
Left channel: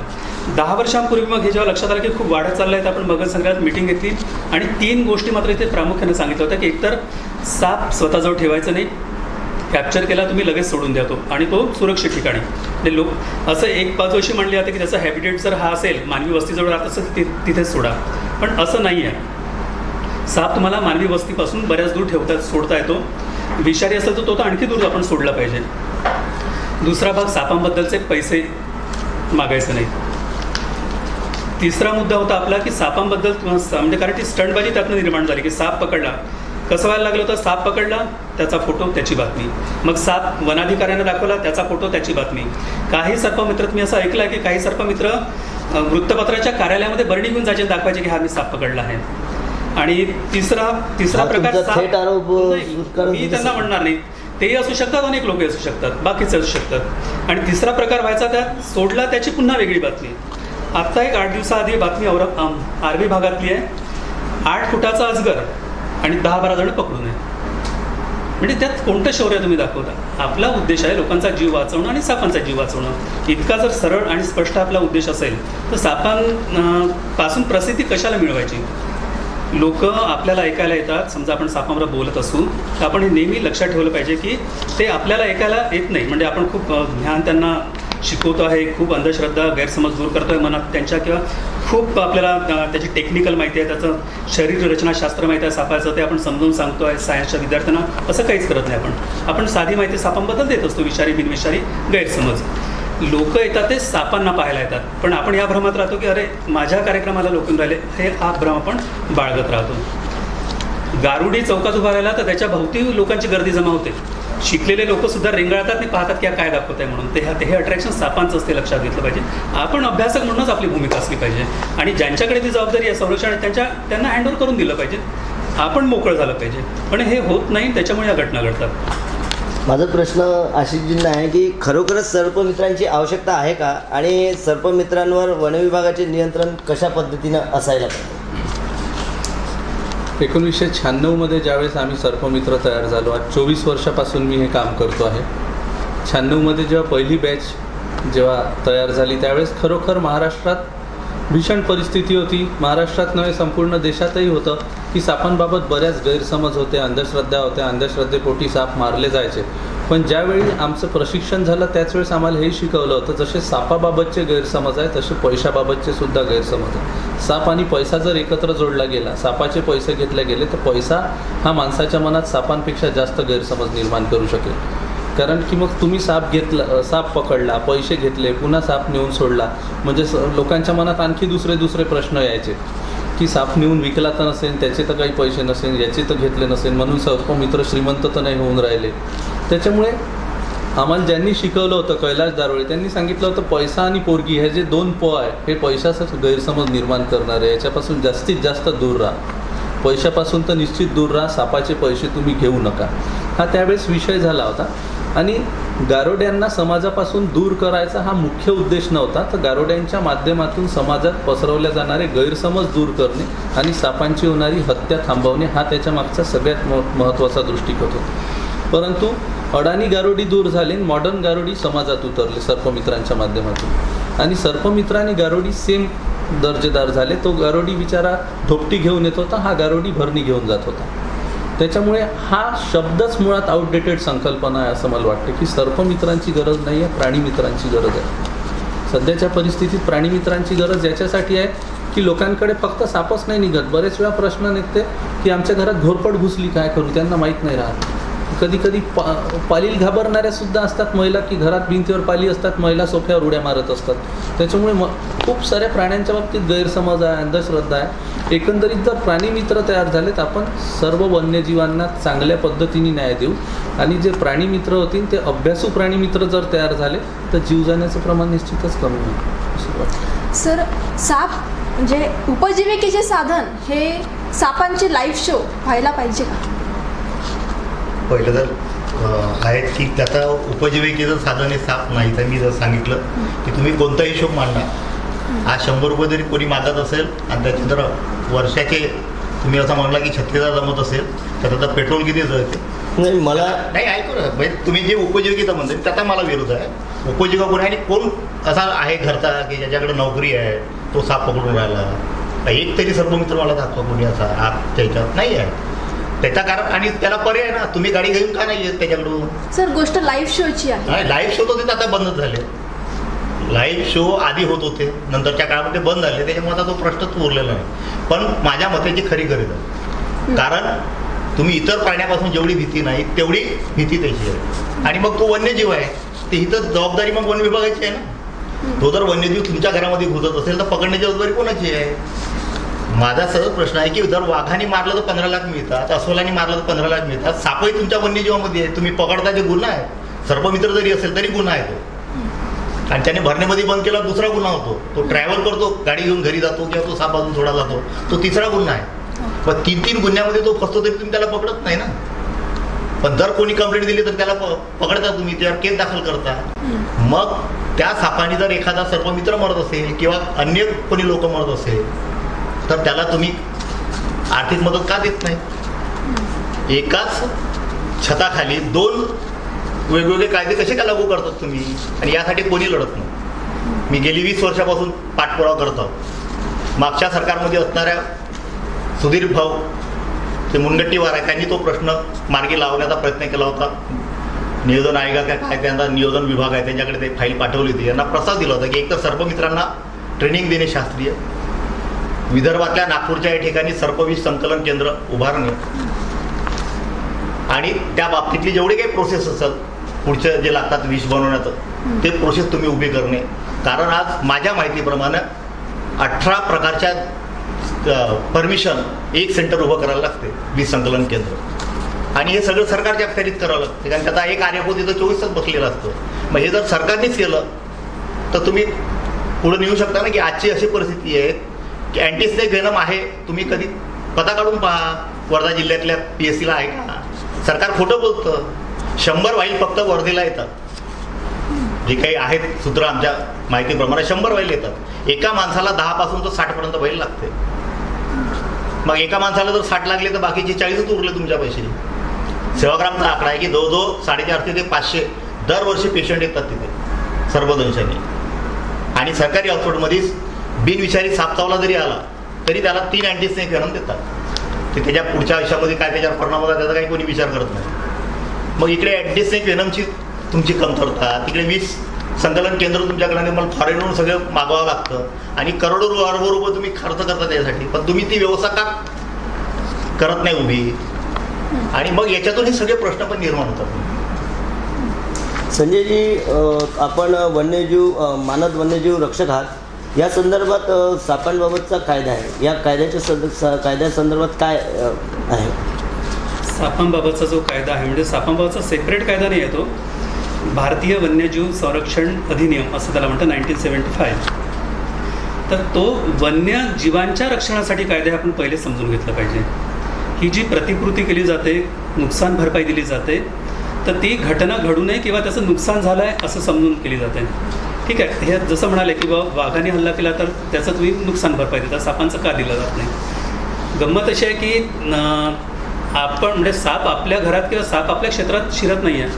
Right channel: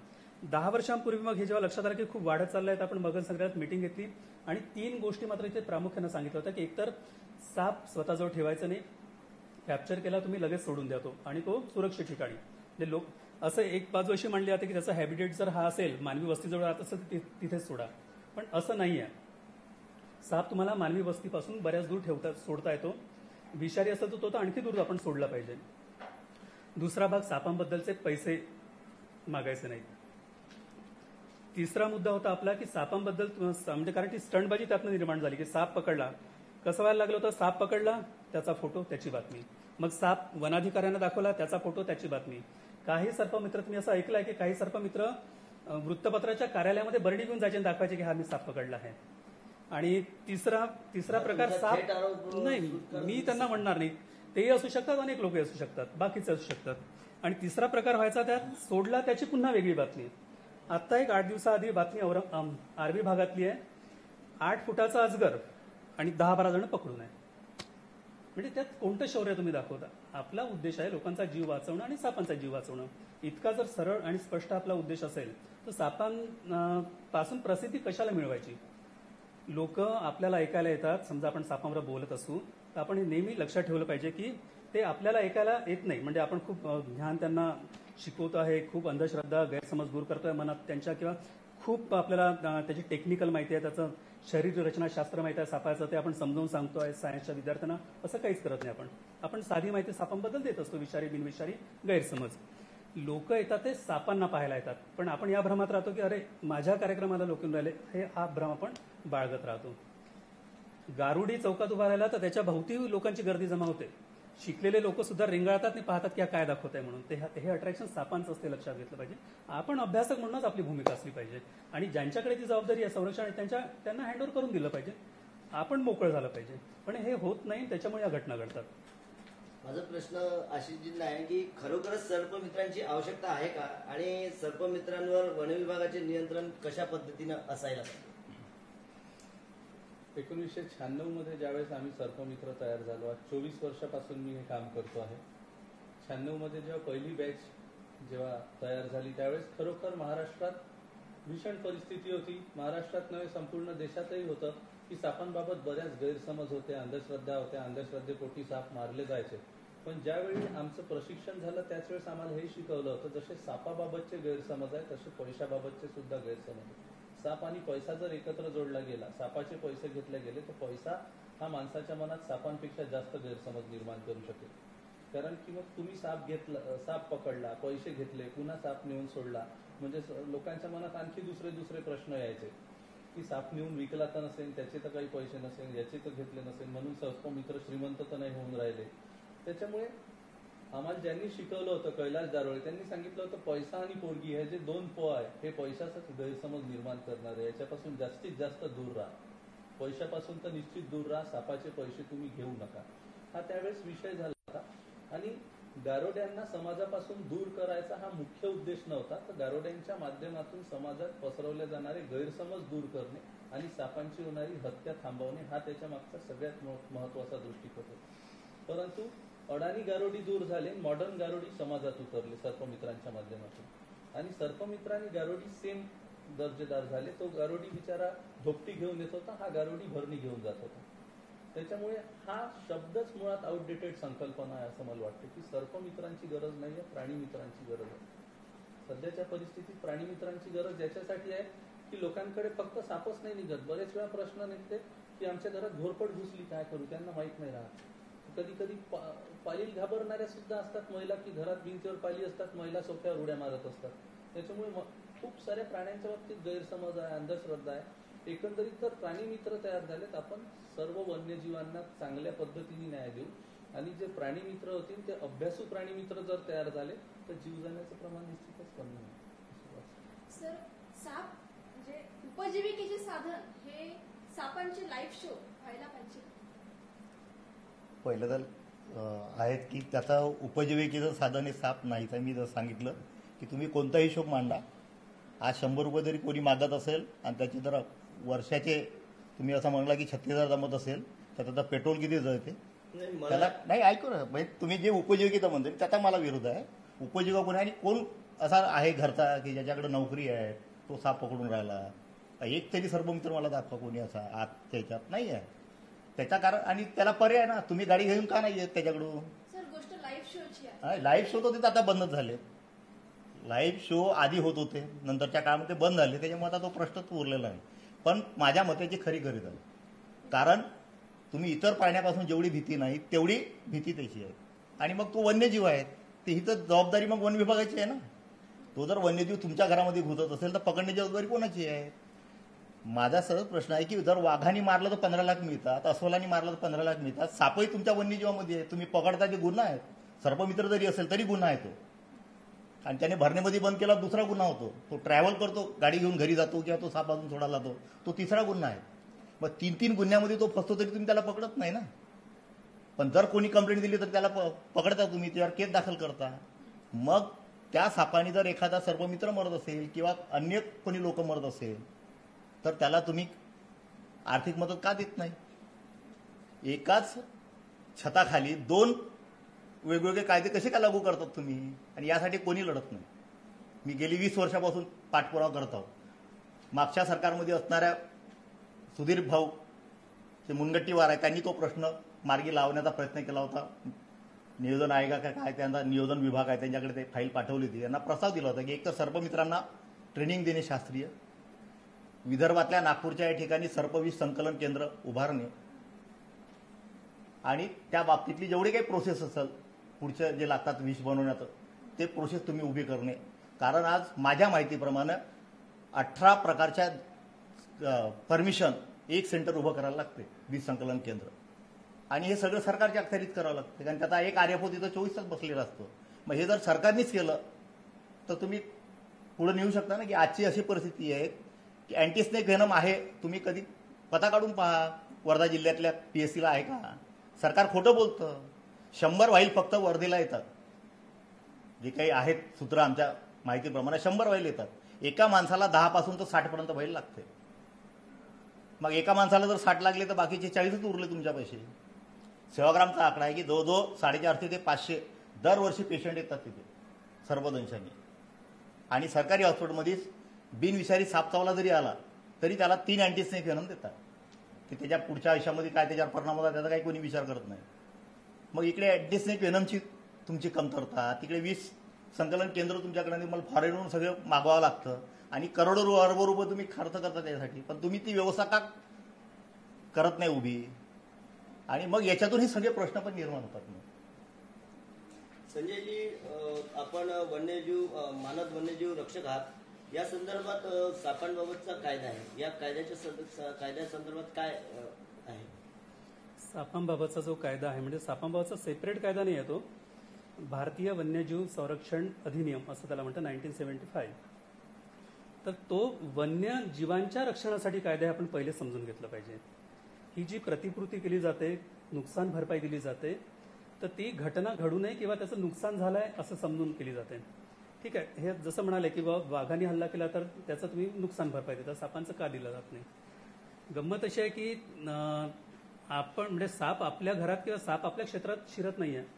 10 वर्षांपूर्वी मग हे जेव्हा लक्षात आलं की खूप वाढत चाललं आहे, तर आपण मगर संग्रहात मीटिंग घेतली आणि 3 गोष्टी मात्र इथे प्रामुख्याने सांगितलं होतं की एकतर साप स्वतःजवळ ठेवायचं नाही, कॅप्चर केला तुम्ही लगेच सोडून द्या तो, आणि तो सुरक्षित ठिकाणी. ते लोक असं एक बाजू अशी म्हणली जाते की त्याचा हॅबिटेट जर हा असेल, मानवी वस्तीजवळ राहत असेल तिथेच सोडा, पण असं नाही आहे. साप तुम्हाला मानवी वस्तीपासून बऱ्याच दूर सोडता येतो. विषारी असेल तर तो तर आणखी दूर आपण सोडला पाहिजे. दुसरा भाग, सापांबद्दलचे पैसे मागायचे नाही. तिसरा मुद्दा होता आपला की सापांबद्दल म्हणजे कारण ती स्टंटबाजी त्यातनं निर्माण झाली की साप पकडला, कसं व्हायला लागलं होतं, साप पकडला त्याचा फोटो त्याची बातमी, मग साप वनाधिकाऱ्यांना दाखवला त्याचा फोटो त्याची बातमी. काही सर्पमित्र, तुम्ही असं ऐकलं आहे की काही सर्पमित्र वृत्तपत्राच्या कार्यालयामध्ये बरणी घेऊन जायचे, दाखवायचे की हा मी साप पकडला आहे. आणि तिसरा प्रकार, मी त्यांना म्हणणार नाही, तेही असू शकतात, अनेक लोक असू शकतात, बाकीचे असू शकतात. आणि तिसरा प्रकार व्हायचा, त्यात सोडला त्याची पुन्हा वेगळी बातमी. आत्ता एक 8 दिवसाआधी बातमी आर्वी भागातली आहे, 8 फुटाचा अजगर आणि 10-12 जण पकडून आहे. म्हणजे त्यात कोणतं शौर्य तुम्ही दाखवता? आपला उद्देश आहे लोकांचा जीव वाचवणं आणि सापांचा जीव वाचवणं. इतका जर सरळ आणि स्पष्ट आपला उद्देश असेल तर सापांपासून प्रसिद्धी कशाला मिळवायची? लोक आपल्याला ऐकायला येतात, समजा आपण सापांवर बोलत असू तर आपण हे नेहमी लक्षात ठेवलं पाहिजे की ते आपल्याला ऐकायला येत नाही, म्हणजे आपण खूप ज्ञान त्यांना शिकवतो आहे, खूप अंधश्रद्धा गैरसमज दूर करतो आहे मनात त्यांच्या, किंवा खूप आपल्याला त्याची टेक्निकल माहिती आहे, त्याचं शरीर रचनाशास्त्र माहिती आहे सापाचं, ते आपण समजून सांगतो आहे सायन्सच्या विद्यार्थ्यांना. असं काहीच करत नाही आपण साधी माहिती सापांबद्दल देत असतो, विषारी बिनविषारी गैरसमज. लोक येतात ते सापांना पाहायला येतात, पण आपण या भ्रमात राहतो की अरे माझ्या कार्यक्रमाला लोक येऊन राहिले, हा भ्रम आपण बाळगत राहतो. गारुडी चौकात उभा राहिला तर त्याच्या भोवती लोकांची गर्दी जमा होते, शिकलेले लोक सुद्धा रेंगाळतात आणि पाहतात की काय दाखवत आहे म्हणून. हे अट्रॅक्शन सापांचं असते, लक्षात घेतलं पाहिजे. आपण अभ्यासक म्हणूनच आपली भूमिका असली पाहिजे आणि ज्यांच्याकडे ती जबाबदारी आहे संरक्षण, त्यांना हँडओव्हर करून दिलं पाहिजे, आपण मोकळं झालं पाहिजे. पण हे होत नाही, त्याच्यामुळे या घटना घडतात. माझा प्रश्न आशिषजींना आहे की खरोखरच सर्पमित्रांची आवश्यकता आहे का, आणि सर्पमित्रांवर वनविभागाचे नियंत्रण कशा पद्धतीनं असायला पाहिजे? 1996 ज्यावेळेस आम्ही सर्पमित्र तयार झालो, आज 24 वर्षापासून मी हे काम करतो आहे. 96 जेव्हा पहिली बॅच जेव्हा तयार झाली त्यावेळेस खरोखर महाराष्ट्रात भीषण परिस्थिती होती. महाराष्ट्रात नव्हे संपूर्ण देशातही होतं की सापांबाबत बऱ्याच गैरसमज होते, अंधश्रद्धा होत्या, अंधश्रद्धेपोटी साप मारले जायचे. पण ज्यावेळी आमचं प्रशिक्षण झालं त्याच वेळेस आम्हाला हे शिकवलं होतं, जसे सापाबाबतचे गैरसमज आहे तसे पैशाबाबतचे सुद्धा गैरसमज आहे. साप आणि पैसा जर एकत्र जोडला गेला, सापाचे पैसे घेतले गेले तर पैसा हा माणसाच्या मनात सापांपेक्षा जास्त गैरसमज निर्माण करू शकेल. कारण की मग तुम्ही साप पकडला, पैसे घेतले, पुन्हा साप नेऊन सोडला, म्हणजे लोकांच्या मनात आणखी दुसरे प्रश्न यायचे की साप नेऊन विकला तर नसेल, त्याचे तर काही पैसे नसेल, याचे तर घेतले नसेल, म्हणून सर्पमित्र श्रीमंत तर नाही होऊन राहिले. त्याच्यामुळे आम्हाला ज्यांनी शिकवलं होतं कैलाश दारोळे त्यांनी सांगितलं होतं पैसा आणि पोरगी हे जे 2 प आहे हे पैशाचाच गैरसमज निर्माण करणारे, याच्यापासून जास्तीत जास्त दूर राहा. पैशापासून तर निश्चित दूर राहा, सापाचे पैसे तुम्ही घेऊ नका, हा त्यावेळेस विषय झाला होता. आणि गारोड्यांना समाजापासून दूर करायचा हा मुख्य उद्देश नव्हता, तर गारोड्यांच्या माध्यमातून समाजात पसरवल्या जाणारे गैरसमज दूर करणे आणि सापांची होणारी हत्या थांबवणे हा त्याच्या मागचा सगळ्यात महत्त्वाचा दृष्टिकोन होता. परंतु अडाणी गारोडी दूर झाले, मॉडर्न गारोडी समाजात उतरले सर्पमित्रांच्या माध्यमातून, आणि सर्पमित्र आणि गारोडी सेम दर्जेदार झाले. तो गारोडी बिचारा ढोपटी घेऊन येत होता, हा गारोडी भरणी घेऊन जात होता. त्याच्यामुळे हा शब्दच मुळात आउटडेटेड संकल्पना आहे असं मला वाटतं, की सर्पमित्रांची गरज नाही आहे, प्राणीमित्रांची गरज आहे. सध्याच्या परिस्थितीत प्राणीमित्रांची गरज याच्यासाठी आहे की लोकांकडे फक्त सापच नाही निघत, बरेच वेळा प्रश्न निघते की आमच्या घरात घोरपड घुसली, काय करू, त्यांना माहीत नाही राहत. कधी कधी पालील घाबरणाऱ्या सुद्धा असतात महिला, की घरात भिंतीवर पाली असतात, महिला सोफ्यावर उड्या मारत असतात. त्याच्यामुळे खूप साऱ्या प्राण्यांच्या बाबतीत गैरसमज आहे, अंधश्रद्धा आहे. एकंदरीत जर प्राणीमित्र तयार झालेत, आपण सर्व वन्यजीवांना चांगल्या पद्धतीने न्याय देऊ, आणि जे प्राणीमित्र होतील ते अभ्यासू प्राणीमित्र जर तयार झाले तर जीव जाण्याचं प्रमाण निश्चितच कमी होईल असं वाटतं. सर, साप म्हणजे उपजीविकेचे साधन हे सापांचे लाईव्ह शो व्हायला पाहिजे का? पहिलं तर आहेत की त्याचा उपजीविकेचं साधन हे साप नाही. तर मी जर सांगितलं की तुम्ही कोणताही हिशोब मांडा, आज 100 रुपये जरी कोणी मागत असेल आणि त्याचे जर वर्षाचे तुम्ही असं म्हणला की 36,000 जमत असेल तर त्याचा पेट्रोल किती जळते? नाही, मला नाही ऐकू ना, म्हणजे तुम्ही जे उपजीविकेचा म्हणता त्याचा मला विरोध आहे. उपजीविका कोणी आणि कोण असा आहे घरचा की ज्याच्याकडे नोकरी आहे तो साप पकडून राहिला? एक तरी सर्पमित्र मला दाखवा कोणी असा आजच्या ह्याच्यात नाही आहे. त्याचा कारण आणि त्याला पर्याय ना, तुम्ही गाडी घेऊन का नाही येत त्याच्याकडून? सर, गोष्ट लाईव्ह शोची आहे. लाईव्ह शो होते आता बंदच झाले. लाईव्ह शो आधी होत होते, नंतरच्या काळामध्ये बंद झाले, त्याच्यामुळे आता तो प्रश्नच उरलेला नाही. पण माझ्या मतेची खरी गरज आहे, कारण तुम्ही इतर प्राण्यापासून जेवढी भीती नाही तेवढी भीती त्याची आहे. आणि मग तो वन्यजीव आहे, ते ही तर जबाबदारी मग वन विभागाची आहे ना. तो जर वन्यजीव तुमच्या घरामध्ये घुसत असेल तर पकडण्याची जबाबदारी कोणाची आहे? माझा सरळ प्रश्न आहे की जर वाघाने मारलं तर 15 लाख मिळतात, अस्वलाने मारलं तर 15 लाख मिळतात. सापही तुमच्या वन्यजीवामध्ये आहे, तुम्ही पकडता जे गुन्हा आहे. सर्पमित्र जरी असेल तरी गुन्हा आहे तो, आणि त्याने भरण्यामध्ये बंद केला दुसरा गुन्हा होतो. तो ट्रॅव्हल करतो, गाडी घेऊन घरी जातो किंवा तो साप बाजून सोडा जातो, तो तिसरा गुन्हा आहे. पण 3 गुन्ह्यामध्ये तो फसतो तरी तुम्ही त्याला पकडत नाही ना. पण जर कोणी कंप्लेंट दिली तर त्याला पकडता, तुम्ही त्यावर केस दाखल करता. मग त्या सापाने जर एखादा सर्पमित्र मरत असेल किंवा अन्य कोणी लोक मरत असेल तर त्याला तुम्ही आर्थिक मदत का देत नाही? एकाच छताखाली 2 वेगवेगळे कायदे कसे का लागू करतात तुम्ही? आणि यासाठी कोणी लढत नाही. मी गेली 20 वर्षापासून पाठपुरावा करतो. मागच्या सरकारमध्ये असणाऱ्या सुधीर भाऊ ते मुनगट्टीवार आहे, त्यांनी तो प्रश्न मार्गी लावण्याचा प्रयत्न केला होता. नियोजन आयोग काय त्यांचा नियोजन विभाग आहे, त्यांच्याकडे ते फाईल पाठवली होती. यांना प्रस्ताव दिला होता की एक तर सर्पमित्रांना ट्रेनिंग देणे शास्त्रीय, विदर्भातल्या नागपूरच्या या ठिकाणी सर्पविष संकलन केंद्र उभारणे, आणि त्या बाबतीतली जेवढे काही प्रोसेस असतात पुढचे जे लागतात विष बनवण्याचं, ते प्रोसेस तुम्ही उभी करणे. कारण आज माझ्या माहितीप्रमाणे 18 प्रकारच्या परमिशन एक सेंटर उभं करायला लागते, विष संकलन केंद्र, आणि हे सगळं सरकारच्या अखत्यारीत करावं लागतं. कारण त्याचा एक आर्यभूत तिथं 24 तास बसलेला असतो. मग हे जर सरकारनेच केलं तर तुम्ही पुढे नेऊ शकता ना, की आजची अशी परिस्थिती आहे की अँटीस्नेक वेनम आहे, तुम्ही कधी पता काढून पहा वर्धा जिल्ह्यातल्या PSCला आहे का? सरकार खोटं बोलतं. 100 वाईल फक्त वर्धेला येतात, जे काही आहेत सूत्र आमच्या माहितीप्रमाणे 100 वाईल येतात. एका माणसाला 10 पासून तर 60 पर्यंत वाईल लागते. मग एका माणसाला जर 60 लागले तर बाकीचे 40च उरले तुमच्या पैसे. सेवाग्रामचा आकडा आहे की जवळजवळ 450 ते 500 दरवर्षी पेशंट येतात तिथे सर्पदंशाने. आणि सरकारी हॉस्पिटलमध्ये बिनविषारी साप चावला जरी आला तरी त्याला 3 अँटीस्नेक वेनम देतात. ते त्याच्या पुढच्या आयुष्यामध्ये काय त्याच्यावर परिणाम होता त्याचा काही कोणी विचार करत नाही. मग इकडे अँटीस्नेक वेनमची तुमची कमतरता, तिकडे विष संकलन केंद्र तुमच्याकडे मला फॉरेनवरून सगळं मागवावं लागतं, आणि करोडो रुपये तुम्ही खर्च करता त्यासाठी, पण तुम्ही ती व्यवस्था का करत नाही उभी? आणि मग याच्यातून हे सगळे प्रश्न पण निर्माण होतात. संजयजी, आपण वन्यजीव मानद वन्यजीव रक्षक आहात. या संदर्भात सापांबाबतचा कायदा आहे, या कायद्यासंदर्भात काय आहे? सापांबाबतचा जो कायदा आहे म्हणजे सापांबाबतचा सेपरेट कायदा नाही आहे, तो भारतीय वन्यजीव संरक्षण अधिनियम असं त्याला म्हणतं 1975. तर तो वन्यजीवांच्या रक्षणासाठी कायदे आपण पहिले समजून घेतलं पाहिजे. ही जी प्रतिकृती केली जाते, नुकसान भरपाई दिली जाते, तर ती घटना घडू नये किंवा त्याचं नुकसान झालं आहे असं समजून केली जाते. ठीक आहे, हे जसं म्हणाले की बाबा वाघाने हल्ला केला तर त्याचं तुम्ही नुकसान भरपाई देता, सापांचं का दिलं जात नाही. गंमत अशी आहे की आपण म्हणजे साप आपल्या घरात किंवा साप आपल्या क्षेत्रात शिरत नाही आहे,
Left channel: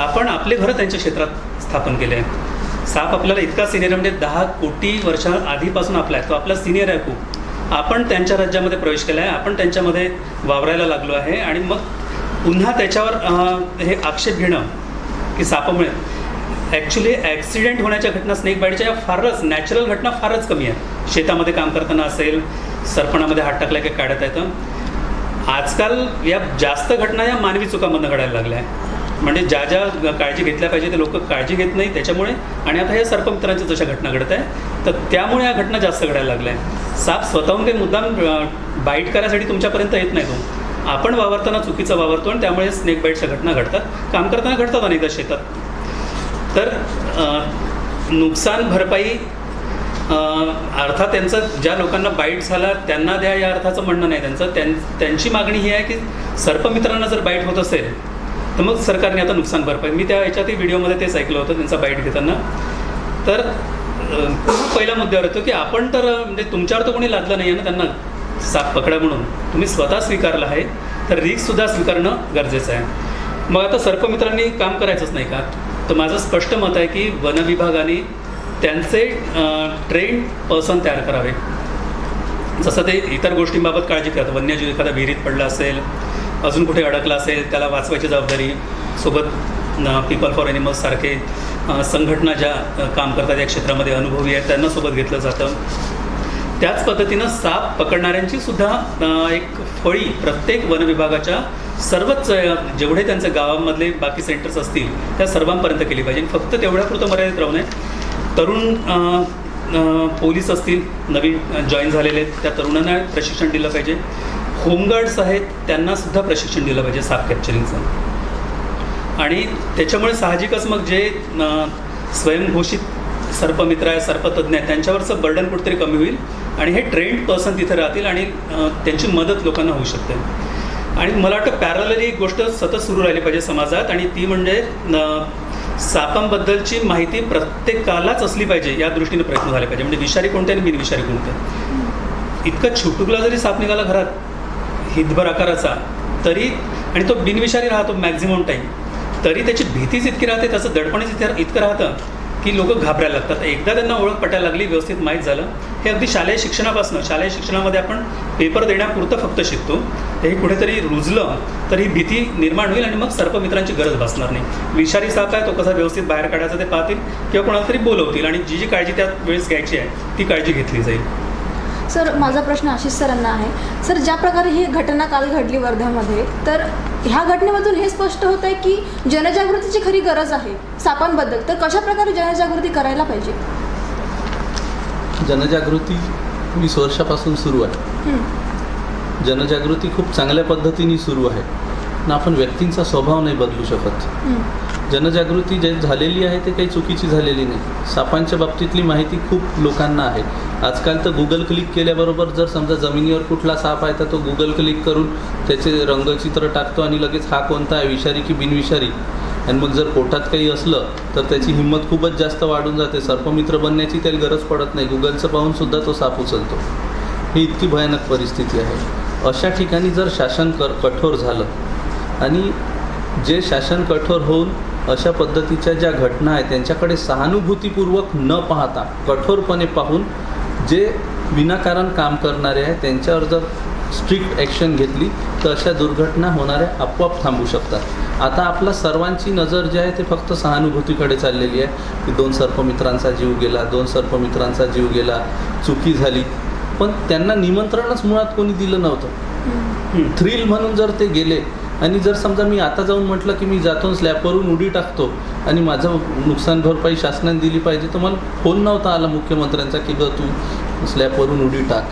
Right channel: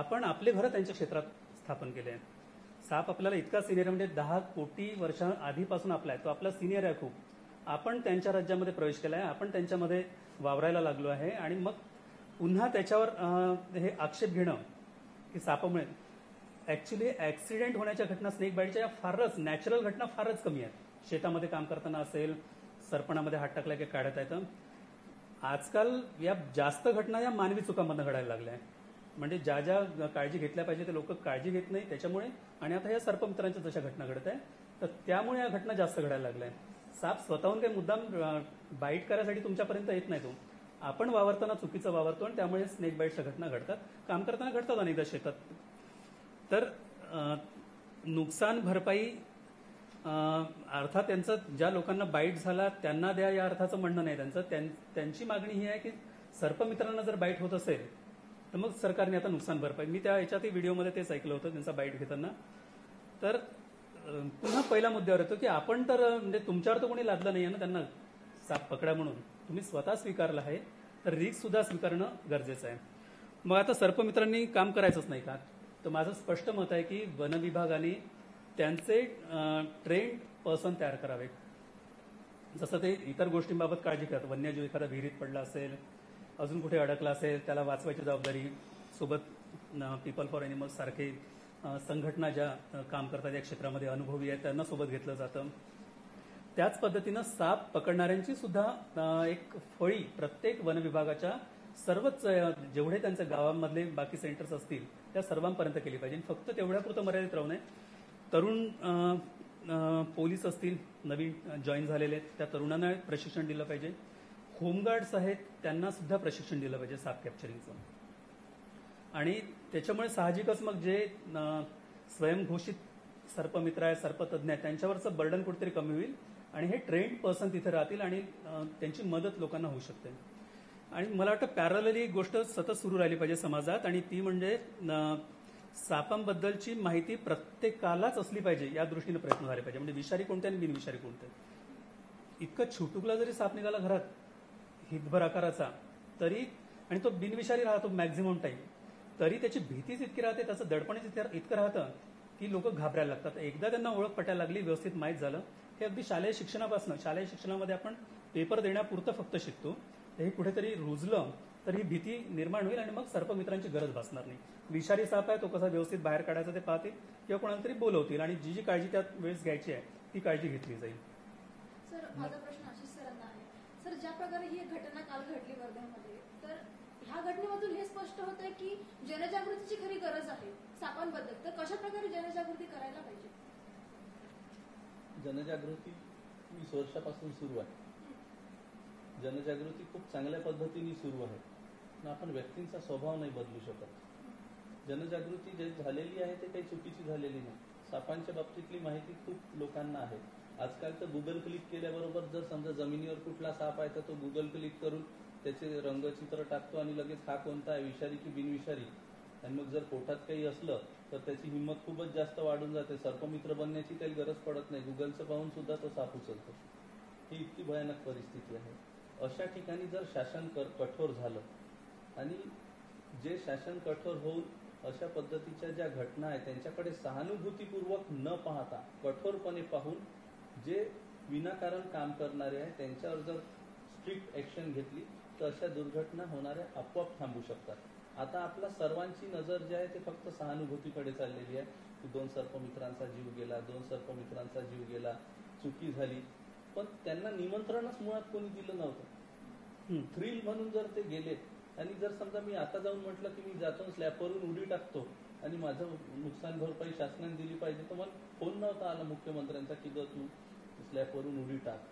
आपण आपले घरं त्यांच्या क्षेत्रात स्थापन केले आहे. साप आपल्याला इतका सिनियर आहे, म्हणजे 10 कोटी वर्षा आधीपासून आपला आहे, तो आपला सिनियर आहे खूप. आपण त्यांच्या राज्यामध्ये प्रवेश केला आहे, आपण त्यांच्यामध्ये वावरायला लागलो आहे आणि मग पुन्हा त्याच्यावर हे आक्षेप घेणं की सापामुळे ॲक्च्युली ॲक्सिडेंट होण्याच्या घटना स्नेक बाईटच्या या फारच नॅचरल घटना फारच कमी आहेत. शेतामध्ये काम करताना असेल, सरपणामध्ये हात टाकला की काढत येतं. आजकाल या जास्त घटना या मानवी चुकांमधून घडायला लागल्या आहे. म्हणजे ज्या ज्या काळजी घेतल्या पाहिजे ते लोक काळजी घेत नाही त्याच्यामुळे, आणि आता या सर्पमित्रांच्या जशा घटना घडत आहे तर त्यामुळे या घटना जास्त घडायला लागल्या आहे. साप स्वतःहून काही मुद्दाम बाईट करायसाठी तुमच्यापर्यंत येत नाही, तो आपण वावरताना चुकीचं वावरतो आणि त्यामुळे स्नेक बाईटच्या घटना घडतात. काम करताना घडतात अनेकदा शेतात. तर नुकसान भरपाई अर्थात त्यांचं ज्या लोकांना बाईट झाला त्यांना द्या या अर्थाचं म्हणणं नाही. त्यांची मागणी ही आहे की सर्पमित्रांना जर बाईट होत असेल तर मग सरकारने आता नुकसान भरपाई, मी त्या याच्यातही व्हिडिओमध्ये तेच ऐकलं होतं त्यांचा बाईट घेताना. तर पहिला मुद्द्यावर येतो की आपण तर म्हणजे तुमच्यावर तर कोणी लादलं नाही आहे ना त्यांना साप पकडा म्हणून, तुम्ही स्वतः स्वीकारलं आहे तर रिस्कसुद्धा स्वीकारणं गरजेचं आहे. मग आता सर्पमित्रांनी काम करायचंच नाही का? तर माझं स्पष्ट मत आहे की वनविभागाने त्यांचे ट्रेंड पर्सन तयार करावे. जसं ते इतर गोष्टींबाबत काळजी करतात, वन्यजीव एखादा विहिरीत पडला असेल, अजून कुठे अडकला असेल, त्याला वाचवायची जबाबदारी सोबत पीपल फॉर ॲनिमल्स सारखे संघटना ज्या काम करतात या क्षेत्रामध्ये अनुभवी आहेत त्यांना सोबत घेतलं जातं. त्याच पद्धतीनं साप पकडणाऱ्यांची सुद्धा एक फळी प्रत्येक वनविभागाच्या सर्वच जेवढे त्यांच्या गावामधले बाकी सेंटर्स असतील त्या सर्वांपर्यंत केली पाहिजे. फक्त तेवढ्यापुरतं मर्यादित राहू नये. तरुण पोलीस असतील नवीन जॉईन झालेले आहेत त्या तरुणांना प्रशिक्षण दिलं पाहिजे. होमगार्ड्स आहेत त्यांनासुद्धा प्रशिक्षण दिलं पाहिजे साप कॅप्चरिंगचं. आणि त्याच्यामुळे साहजिकच मग जे स्वयंघोषित सर्पमित्र आहे, सर्पतज्ञ आहेत, त्यांच्यावरचं बर्डन कुठेतरी कमी होईल आणि हे ट्रेंड पर्सन तिथे राहतील आणि त्यांची मदत लोकांना होऊ शकते. आणि मला वाटतं पॅरलली एक गोष्ट सतत सुरू राहिली पाहिजे समाजात, आणि ती म्हणजे सापांबद्दलची माहिती प्रत्येकालाच असली पाहिजे या दृष्टीने प्रयत्न झाले पाहिजे. म्हणजे विषारी कोणते आणि बिनविषारी कोणते. इतकं छुटुकला जरी साप निघाला घरात हितभर आकाराचा तरी, आणि तो बिनविषारी राहतो मॅक्झिमम टाईम, तरी त्याची भीतीच इतकी राहते, त्याचं दडपणच इतकं राहतं की लोक घाबरायला लागतात. एकदा त्यांना ओळख पटायला लागली, व्यवस्थित माहीत झालं, हे अगदी शालेय शिक्षणापासून, शालेय शिक्षणामध्ये आपण पेपर देण्यापुरतं फक्त शिकतो, हे कुठेतरी रुजलं तर ही भीती निर्माण होईल आणि मग सर्पमित्रांची गरज भासणार नाही. विषारी साप आहे तो कसा व्यवस्थित बाहेर काढायचा ते पाहतील किंवा कोणाला तरी बोलवतील आणि जी जी काळजी त्या वेळेस घ्यायची आहे ती काळजी घेतली जाईल. सर, माझा प्रश्न आशिष सरांना आहे. सर, ज्या प्रकारे ही घटना काल घडली वर्ध्यामध्ये, तर ह्या घटनेमधून हे स्पष्ट होत आहे की जनजागृतीची खरी गरज आहे सापांबद्दल. तर कशा प्रकारे जनजागृती करायला पाहिजे? जनजागृती 20 वर्षापासून सुरू आहे. जनजागृती खूप चांगल्या पद्धतीने सुरू आहे ना. आपण व्यक्तींचा स्वभाव नाही बदलू शकत. जनजागृती जे झालेली आहे ते काही चुकीची झालेली नाही. सापांच्या बाबतीतली माहिती खूप लोकांना आहे. आजकाल तर गुगल क्लिक केल्याबरोबर जर समजा जमिनीवर कुठला साप आहे तर तो गुगल क्लिक करून त्याचे रंगचित्र टाकतो आणि लगेच हा कोणता आहे, विषारी की बिनविषारी. आणि मग जर पोटात काही असलं तर त्याची हिंमत खूपच जास्त वाढून जाते. सर्पमित्र बनण्याची त्याला गरज पडत नाही, गुगलचं पाहूनसुद्धा तो साप उचलतो. ही इतकी भयानक परिस्थिती आहे. अशा ठिकाणी जर शासन कठोर झालं आणि जे शासन कठोर होऊन अशा पद्धतीच्या ज्या घटना आहेत त्यांच्याकडे सहानुभूतीपूर्वक न पाहता कठोरपणे पाहून जे विनाकारण काम करणारे आहेत त्यांच्यावर जर स्ट्रिक्ट ॲक्शन घेतली तर अशा दुर्घटना होणाऱ्या आपोआप थांबू शकतात. आता आपला सर्वांची नजर जी आहे ते फक्त सहानुभूतीकडे चाललेली आहे की 2 सर्पमित्रांचा जीव गेला, 2 सर्पमित्रांचा जीव गेला, चुकी झाली. पण त्यांना निमंत्रणच मुळात कोणी दिलं नव्हतं. थ्रिल म्हणून जर ते गेले आणि जर समजा मी आता जाऊन म्हटलं की मी जातो स्लॅबवरून उडी टाकतो आणि माझं नुकसान भरपाई शासनाने दिली पाहिजे, तर मला फोन नव्हता आला मुख्यमंत्र्यांचा की ग तू स्लॅबवरून उडी टाक.